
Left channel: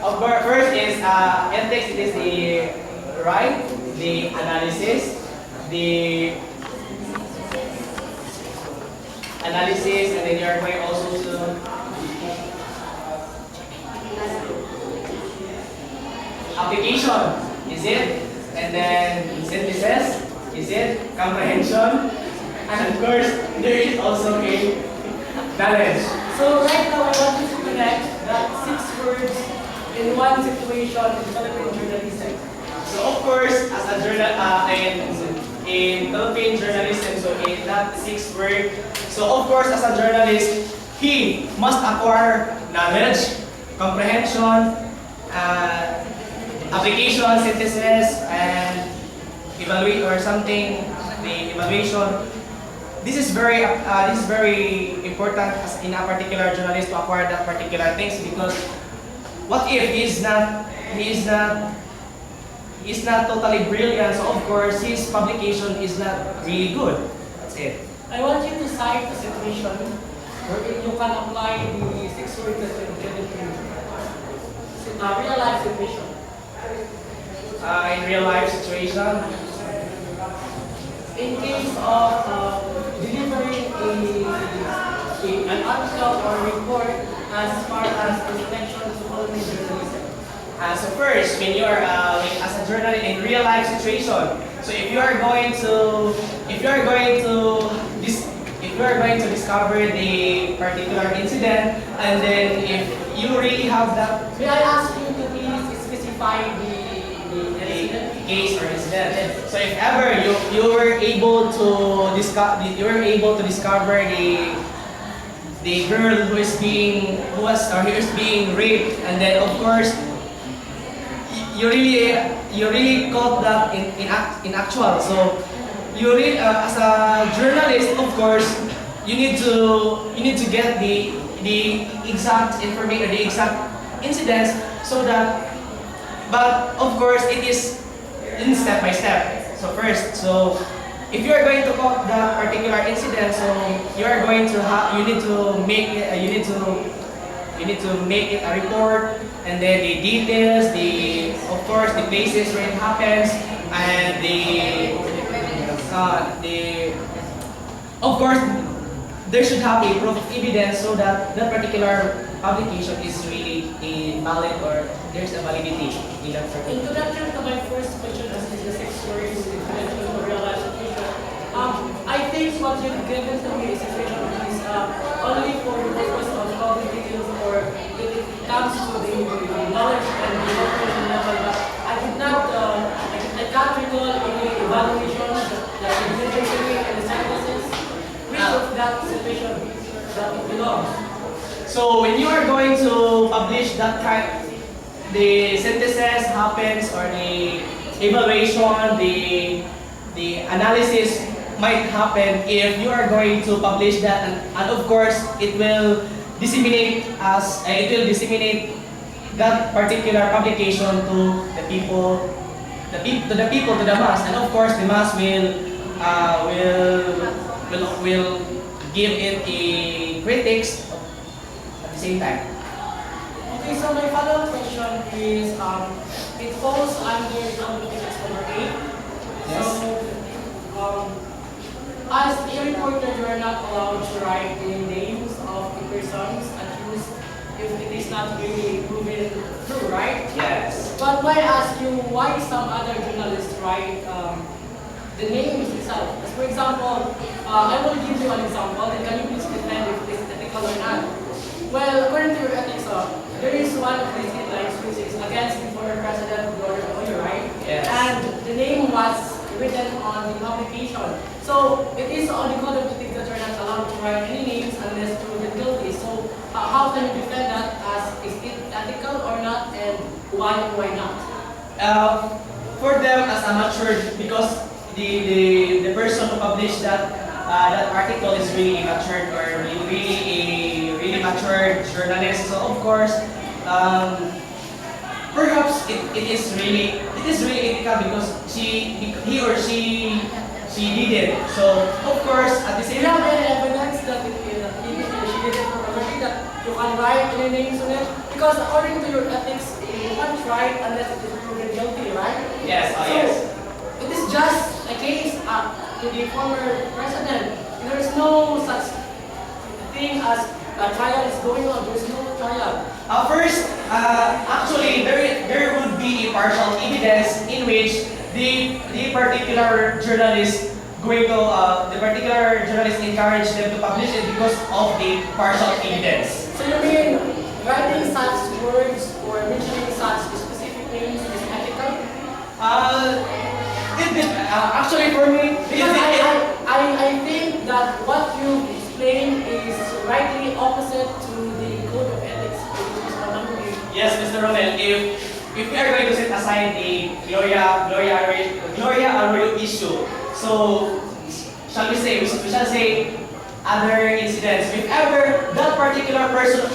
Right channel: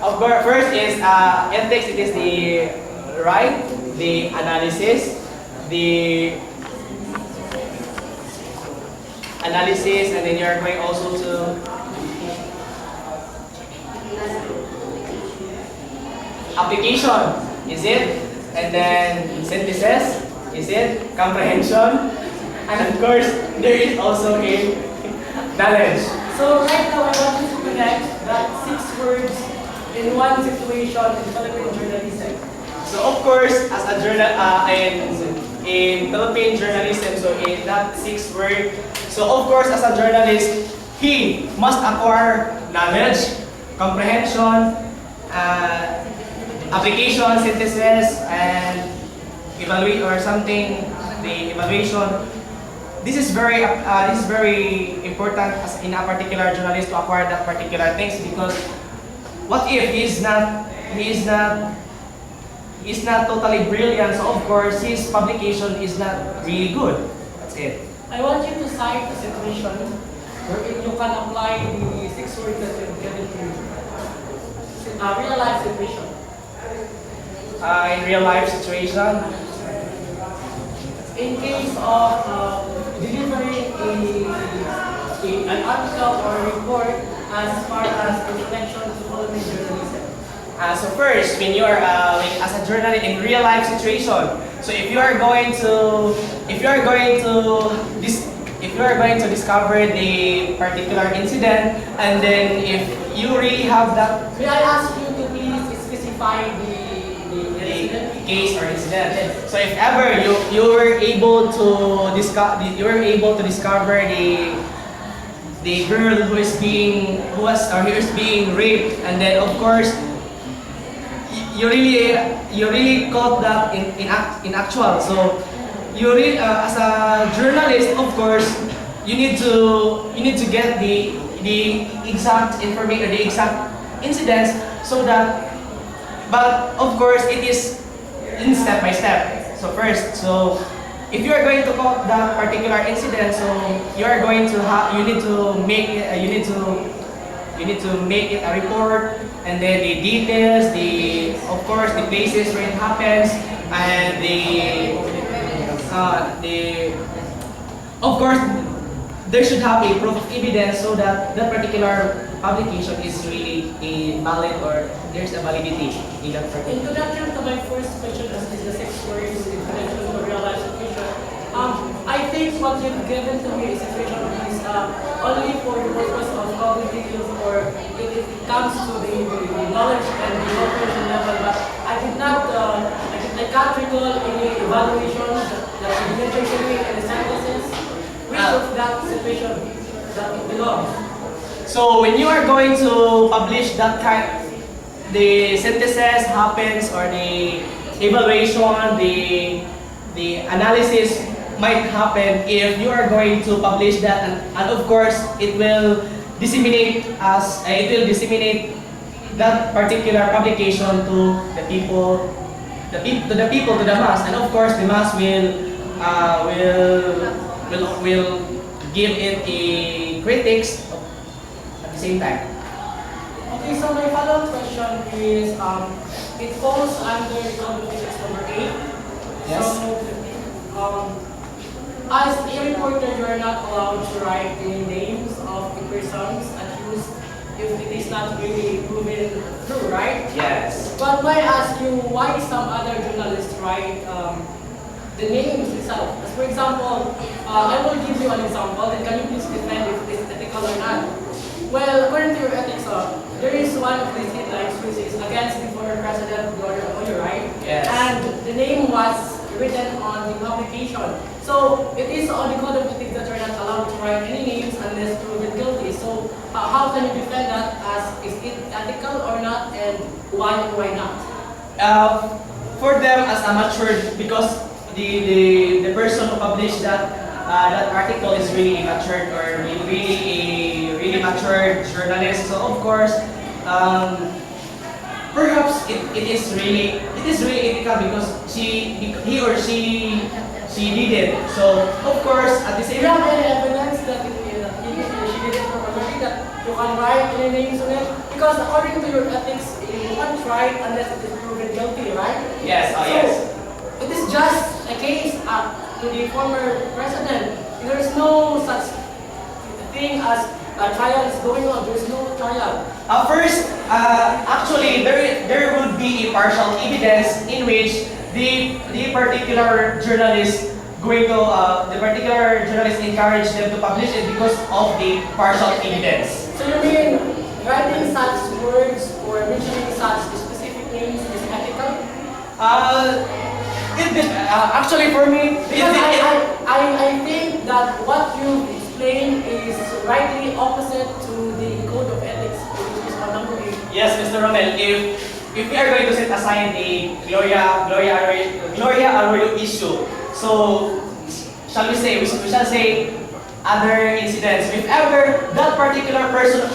of course, first is ethics. It is the right, the analysis, and then you are going also to application. Is it? And then synthesis. Is it? Comprehension. And of course, there is also a knowledge. So right now I want you to connect that 6 words in one situation in Philippine journalism. So of course, as a in Philippine journalism, so in that 6 word, so of course as a journalist, he must acquire knowledge, comprehension, application, synthesis, and evaluate or something. The evaluation. This is very important as in a particular journalist to acquire that particular things, because what if he is not totally brilliant, so of course his publication is not really good. That's it. I want you to cite a situation where you can apply the 6 words that you've given to me. Real life situation. In real life situation, In case of delivering an article or a report as far as the connection to Philippine journalism. so first, when you are as a journalist in real life situation, so if you are going to discover the particular incident, and then if you really have that May I ask you to please specify the incident? case or incident. So if ever you were able to discover the girl who is being raped, and then of course you really caught that in actual. So you really as a journalist, of course, you need to get the exact information, the exact incidents so that, but of course it is in step by step. So first, so if you are going to call that particular incident, so you are going to have, you need to make it, you need to make it a report, and then the details, the of course the places where it happens, and the of course there should have a proof of evidence so that that particular publication is really a valid or there's a validity in that particular. Introduction to my first question as is the 6 words introduction to real life situation. I think what you've given to me is situation is only for the purpose of cognitive or when it comes to the knowledge and the operation level, but I can't recall any evaluation that is necessary in the sentences which of that situation that it belongs. So when you are going to publish that kind, the synthesis happens or the evaluation, the analysis might happen if you are going to publish that, and of course it will disseminate that particular publication to the people, to the mass, and of course the mass will give it a critics at the same time. Okay, so my follow-up question is, it falls under Competitions number 8. Yes. So, as a reporter, you are not allowed to write the names of the persons accused if it is not really proven true, right? Yes. But may I ask you why some other journalists write the names itself? As for example, I will give you an example, and can you please defend if this is ethical or not? Well, according to your ethics, there is one of these headlines which is against the former president, Adolfo, right? Yes. And the name was written on the publication. So it is on the code of ethics that you're not allowed to write any names unless proven guilty. So how can you defend that as is it ethical or not, and why not? For them as amateur, because the person who published that that article is really matured or really a really matured journalist. So of course, perhaps it is really ethical because he or she did it. So of course at the Do same you have time. any evidence that she did it for purpose, that you can write any names on it? Because according to your ethics, you can't write unless it is proven guilty, right? Yes, So, yes. it is just a case to the former president. There is no such thing as a trial is going on. There is no trial. First, actually, there would be a partial evidence in which the particular journalist encouraged them to publish it because of the partial evidence. So you mean writing such words or mentioning such specific names is ethical? Actually, for me, Because I think that what you explain is rightly opposite to the code of ethics, which is on number 8. yes, Mr. Romel, if we are going to set aside the Gloria Arroyo issue, so we shall say other incidents. If ever that particular person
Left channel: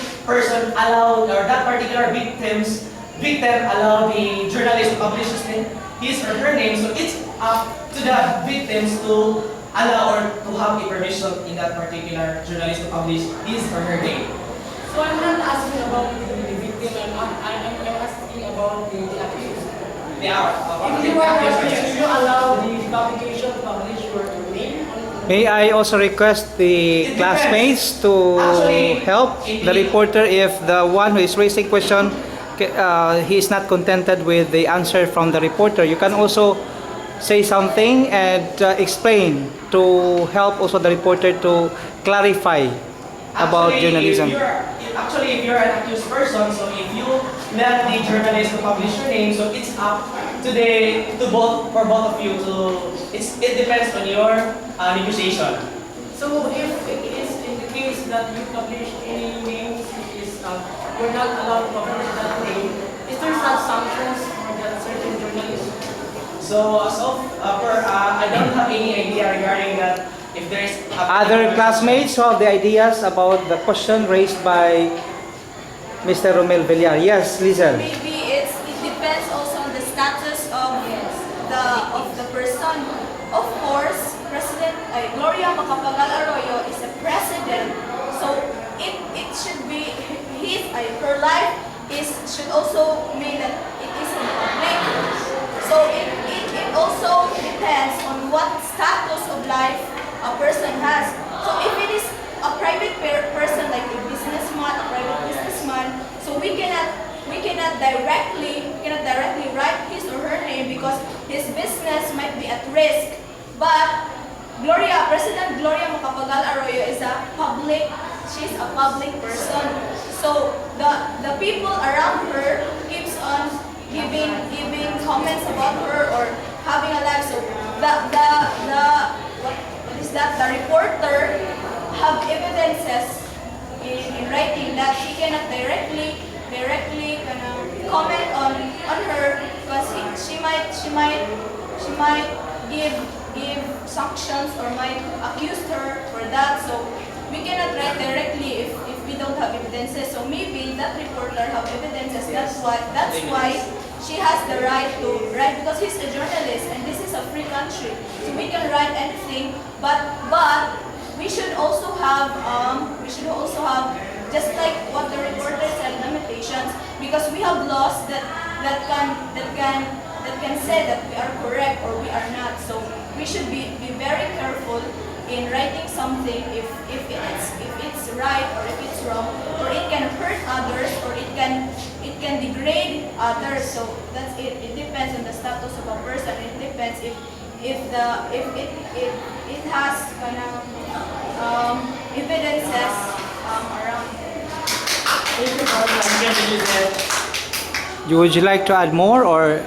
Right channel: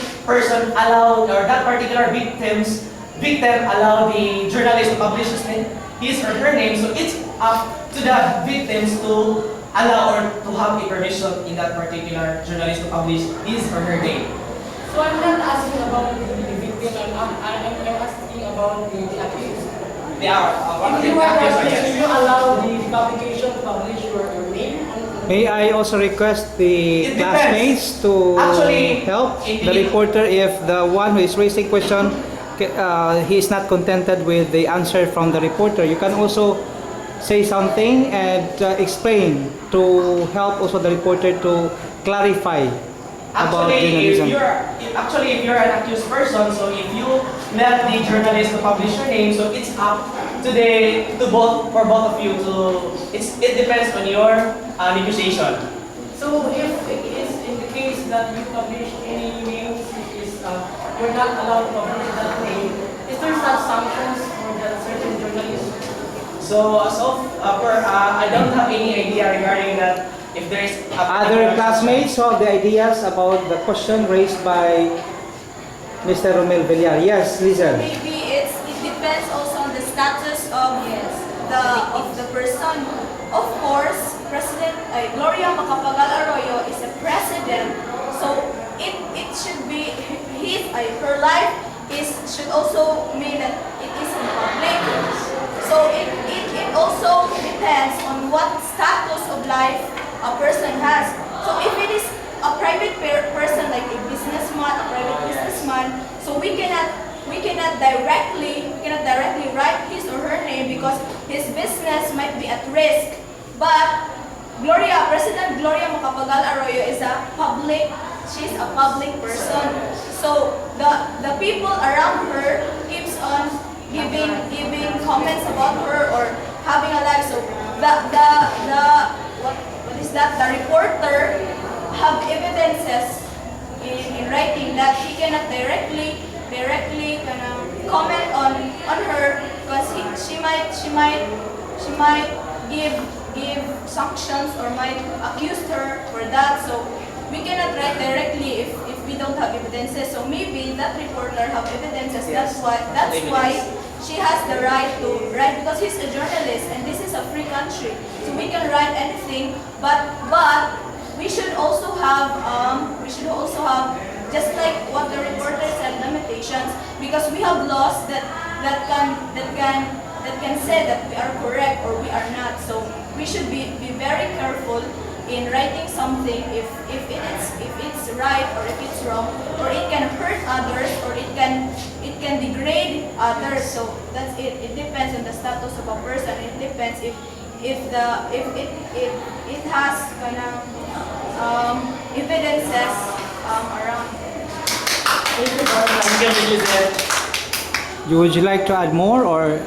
allowed, or that particular victim allowed the journalist to publish his or her name, so it's up to the victims to allow or to have a permission in that particular journalist to publish his or her name. So I'm not asking about the victim, I'm asking about the accused. They are. If you are accused, do you allow the publication to publish your name? May I also request the It depends. classmates to Actually, help the reporter if the one who is raising question he is not contented with the answer from the reporter. You can also say something and explain to help also the reporter to clarify about journalism. If you're an accused person, so if you let the journalist to publish your name, so it's up to both of you to. It depends on your negotiation. So if it is in the case that you publish any names which is you're not allowed to publish that name, is there such sanctions for that certain journalist? So I don't have any idea regarding that. If there is Other classmates who have the ideas about the question raised by Mr. Romel Villar. Yes, Lizel. Maybe it depends also on the status of the person. Of course, President Gloria Macapagal Arroyo is a president, so it should be her life should also mean that it is in public. So it also depends on what status of life a person has. So if it is a private person like a businessman, a private businessman, so we cannot directly write his or her name because his business might be at risk. But President Gloria Macapagal Arroyo is she's a public person. So the people around her keeps on giving comments about her or having a life. So what is that? The reporter have evidences in writing that he cannot directly comment on her because she might give sanctions or might accuse her for that. So we cannot write directly if we don't have evidences. So maybe that reporter have evidences. Yes. That's why she has the right to write because he's a journalist and this is a free country. So we can write anything, but we should also have just like what the reporter said, limitations, because we have laws that can say that we are correct or we are not. So we should be very careful in writing something if it's right or if it's wrong, or it can hurt others or it can degrade others. So that's it. It depends on the status of a person. It depends if it has kind of evidences around. Would you like to add more, or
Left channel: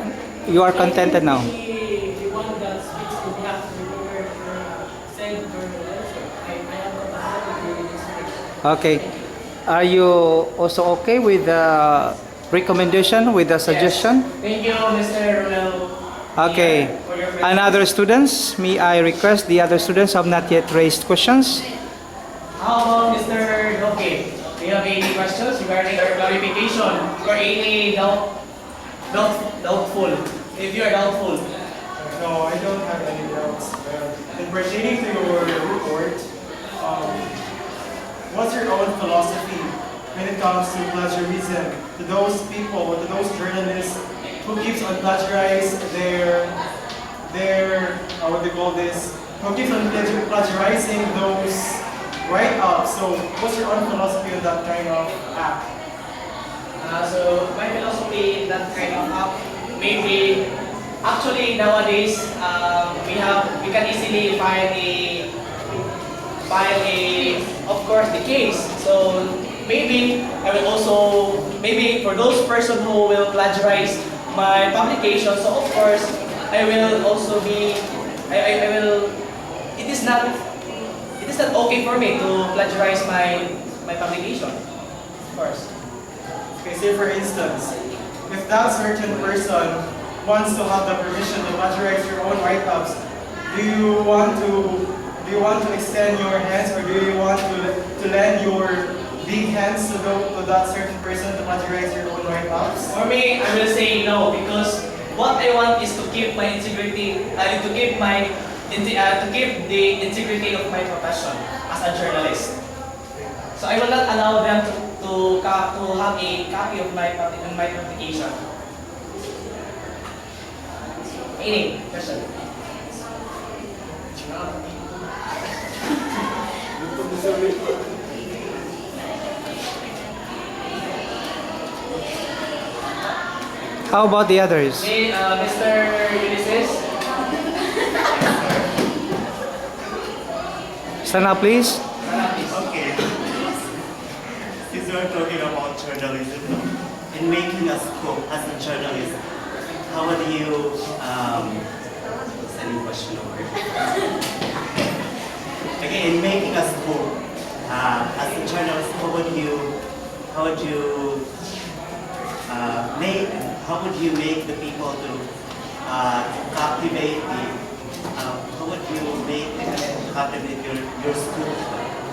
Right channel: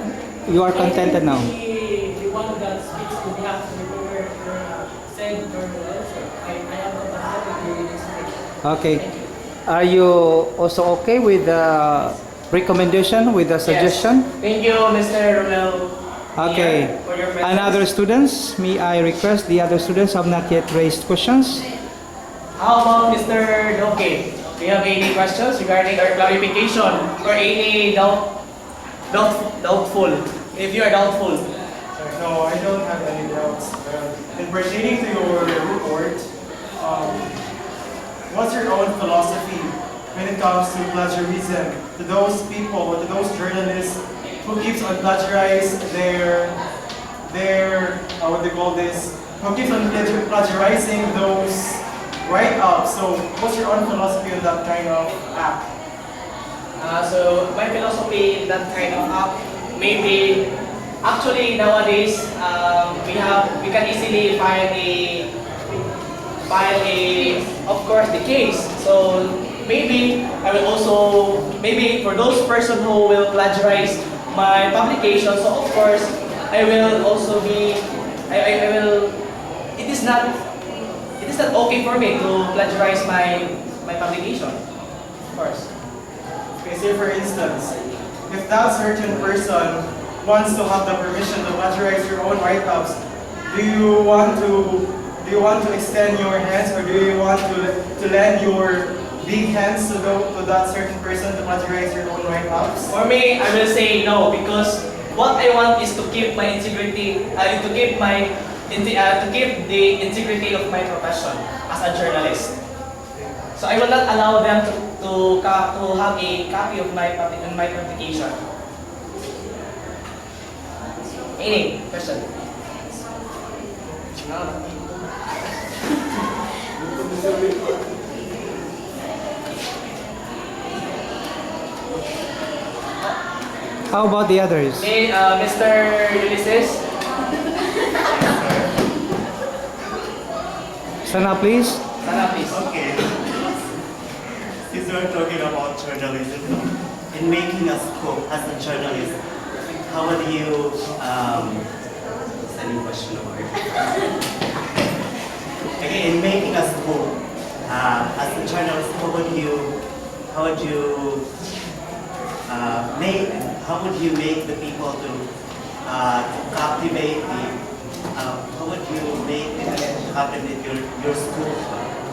you are contented now? The one that speaks to behalf of the reporter said journalist, I am compatible with this. Okay. Are you also okay with the recommendation, with the suggestion? Thank you, Mr. Romel. Okay. For your And other students, may I request the other students have not yet raised questions? How about Mr. Doke? Do you have any questions regarding our clarification or any doubtful? If you are doubtful. No, I don't have any doubts. And pertaining to your report, what's your own philosophy when it comes to plagiarism? To those people, to those journalists who keeps on plagiarize their what do they call this? Who keeps on plagiarizing those write-ups. So what's your own philosophy on that kind of act? So my philosophy in that kind of app, maybe actually nowadays we can easily file a of course the case. So maybe I will also maybe for those person who will plagiarize my publication. So of course I will also be I will it is not okay for me to plagiarize my publication. Of course. Okay, say for instance, if that certain person wants to have the permission to plagiarize your own write-ups, do you want to extend your hands, or do you want to lend your big hands to that certain person to plagiarize your own write-ups? For me, I will say no, because what I want is to keep my integrity, to keep the integrity of my profession as a journalist. So I will not allow them to have a copy of my publication. Any question? How about the others? Okay, Mr. Ulysses. Stand up, please. Sana, please. Okay. Since we're talking about journalism, in making a scope as a journalist, how would you sending question over? Okay, in making a scope as a journalist, how would you make the people to captivate how would you make it captivate your scope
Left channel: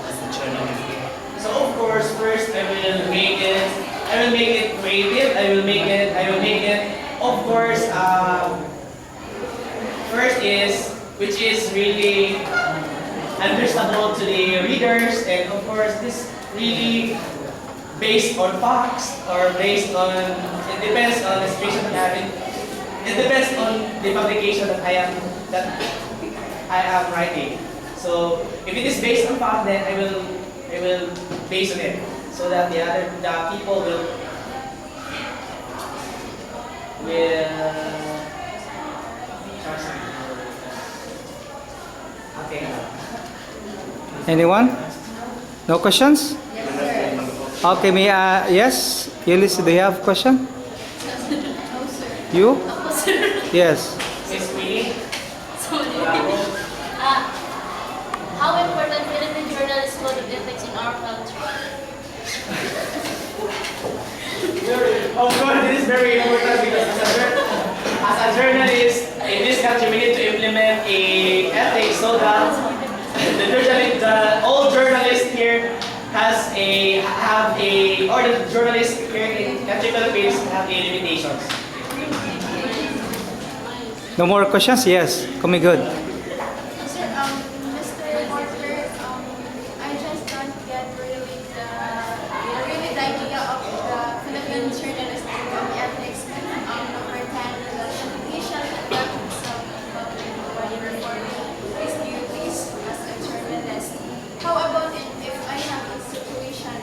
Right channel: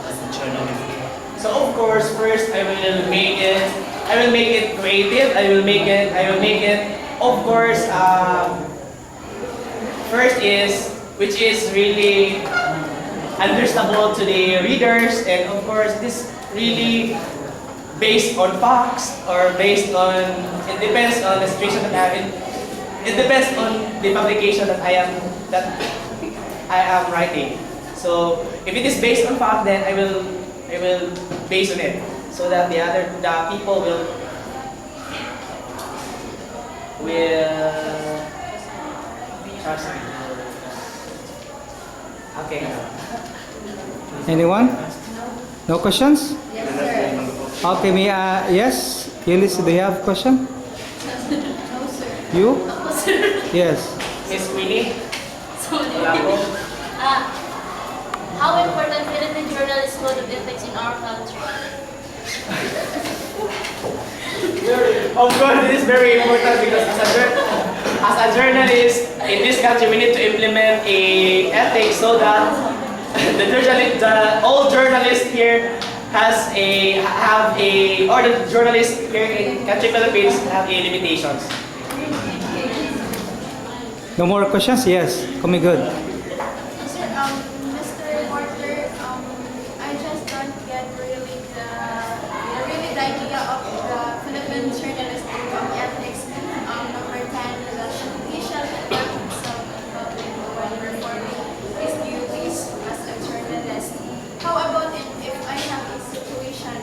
as a journalist? So of course, first I will make it. I will make it creative. I will make it. Of course, first is which is really understandable to the readers, and of course, this really based on facts or based on. It depends on the situation that I have. It depends on the publication that I am writing. So if it is based on fact, then I will base on it, so that the people will trust me. Okay. Anyone? No questions? Yes, sir. Okay, yes? Eunice, do you have question? No, sir. You? Ako, sir. Yes. Miss Winnie? Sorry. How important Philippine journalist code of ethics in our country? Of course, this is very important because as a journalist in this country, we need to implement a ethics so that all journalists here or the journalists here in country Philippines have a limitations. No more questions? Yes. Coming good. Sir, Mr. Reporter, I just don't get really the idea of the Philippine journalist code of ethics. Number 10, the official importance of reporting his duties as a journalist. How about if I have a situation,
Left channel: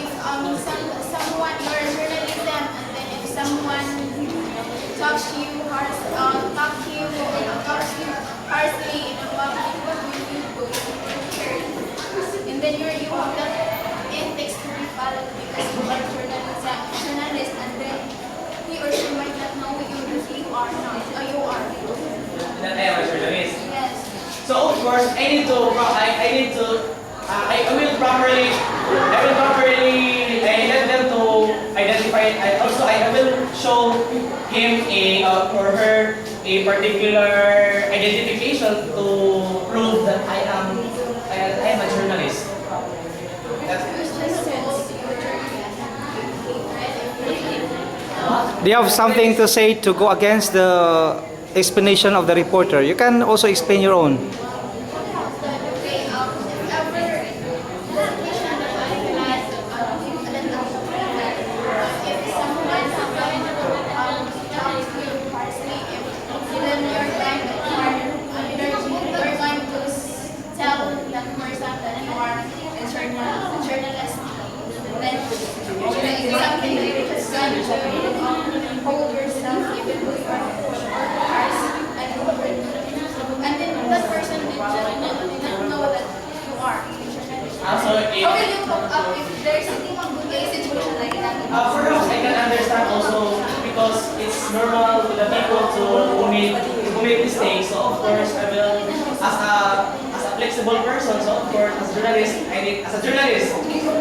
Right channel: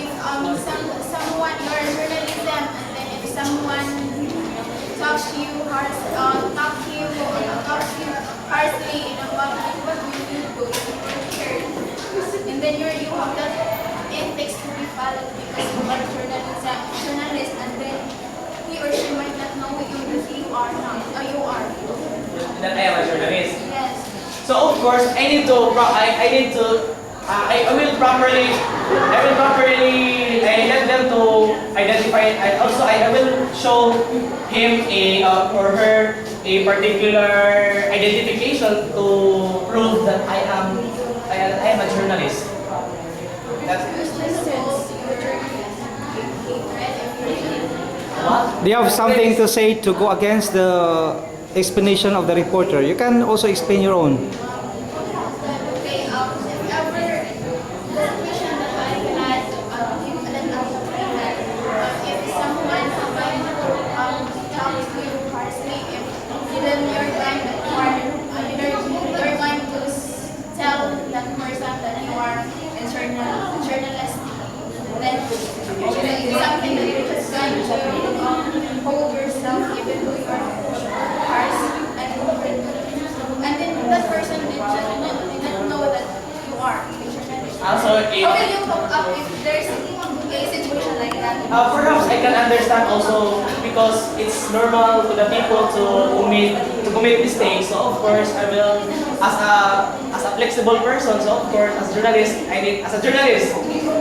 if someone, you're a journalism, and then if someone talks to you harshly in a public, what will you do if you were heard? And then you have that ethics to be followed because you are journalist, and then he or she might not know you that you are not, or you are. That I am a journalist. Yes. So of course, I will properly let them to identify it. I will show him or her a particular identification to prove that I am a journalist. That's Do you have something to say to go against the explanation of the reporter? You can also explain your own. Okay, if ever the situation that I had, if someone talks to you harshly, if then you're going to tell that person that you are a journalist, then it's something that you just going to hold yourself even though you are harsh, and then that person did not know that you are a journalist. also How will you cope up if there's a situation like that? perhaps I can understand also because it's normal to the people to commit mistakes. So of course I will, as a flexible person. So of course as a journalist,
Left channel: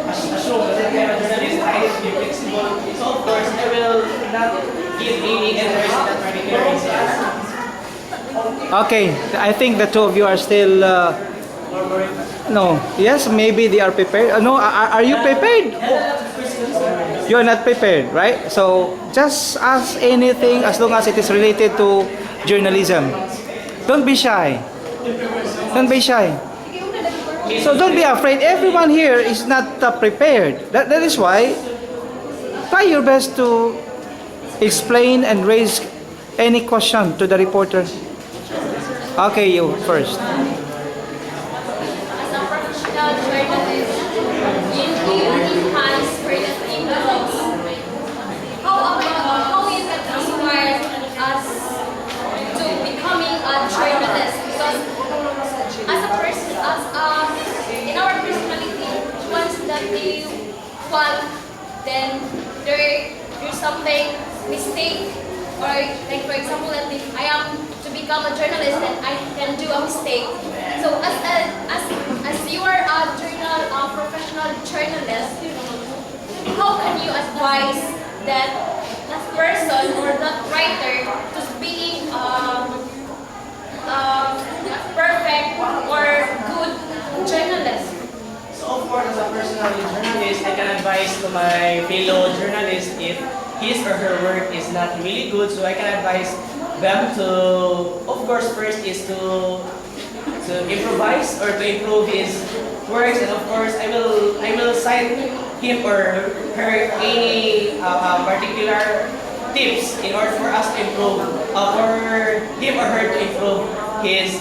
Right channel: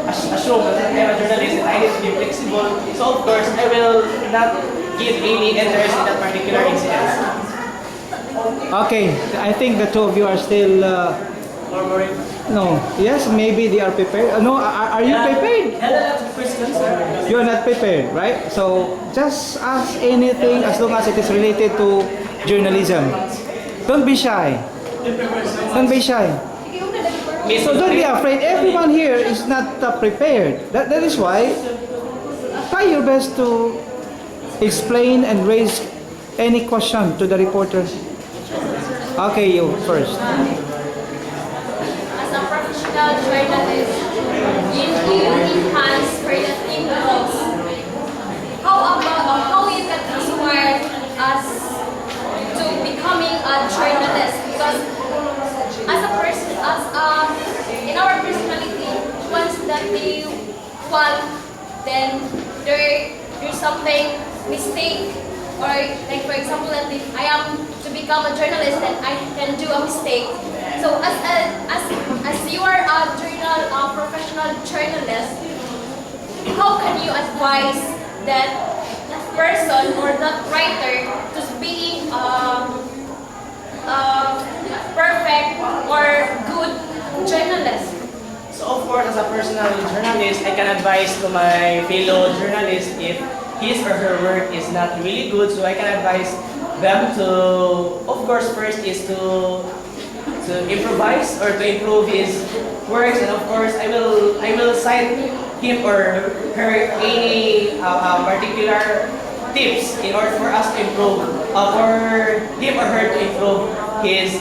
assume that I am a journalist and I need to be flexible. So of course I will not give any interest in that particular incident. Okay, I think the two of you are still... no. Yes, maybe they are prepared. No, are you prepared? You are not prepared, right? So just ask anything as long as it is related to journalism. Don't be shy. Don't be shy. So don't be afraid. Everyone here is not prepared. That is why try your best to explain and raise any question to the reporter. Okay, you first. As a professional journalist, you enhance creative laws. How you can inspire us to becoming a journalist? Because as a person, in our personality, once that they want, then there's something mistake, or like for example, that if I am to become a journalist, then I can do a mistake. So as you are a professional journalist, how can you advise that person or that writer to be perfect or good journalist? So of course as a personal professional journalist, I can advise to my fellow journalists if his or her work is not really good. So I can advise them to, of course, first is to improvise or to improve his works, and of course I will cite him or her any particular tips in order for us to improve, for him or her to improve his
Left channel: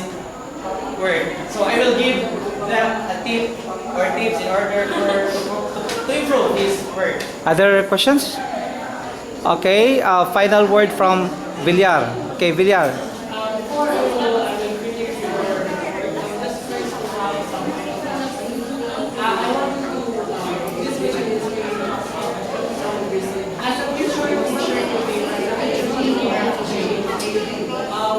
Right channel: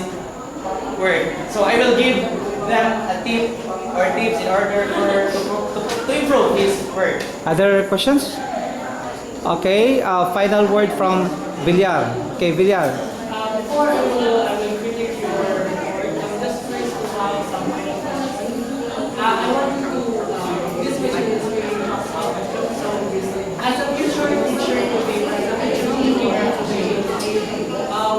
work. So I will give them a tip or tips in order to improve his work. Other questions? Okay, final word from Villar. Okay, Villar. Before I will critique your work, just first to have some final questions. I want to, this question is really so as a future teacher today,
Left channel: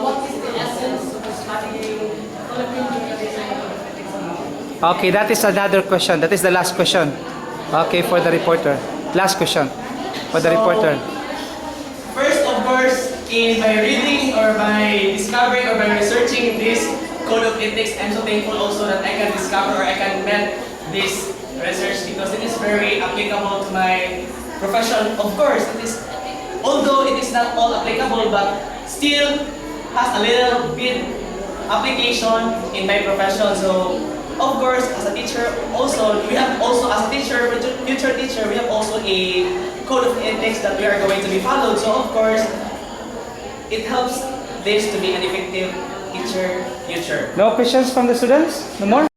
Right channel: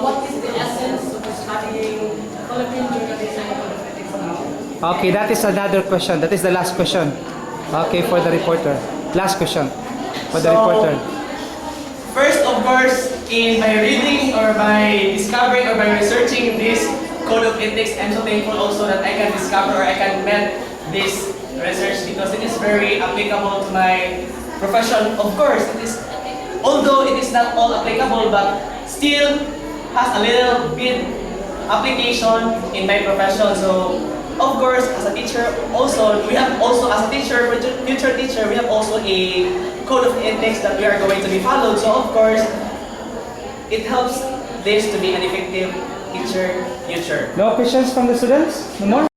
what is the essence of studying Philippine journalism and ethics about? Okay, that is another question. That is the last question. Okay, for the reporter. Last question for the reporter. First, of course, in my reading or by discovering or by researching this code of ethics, I'm so thankful also that I can discover or I can met this research because it is very applicable to my profession. Of course, it is, although it is not all applicable, but still has a little bit application in my profession. So, of course, as a teacher, also we have also as a teacher, future teacher, we have also a code of ethics that we are going to be followed. So, of course, it helps this to be an effective teacher future. No questions from the students? No more?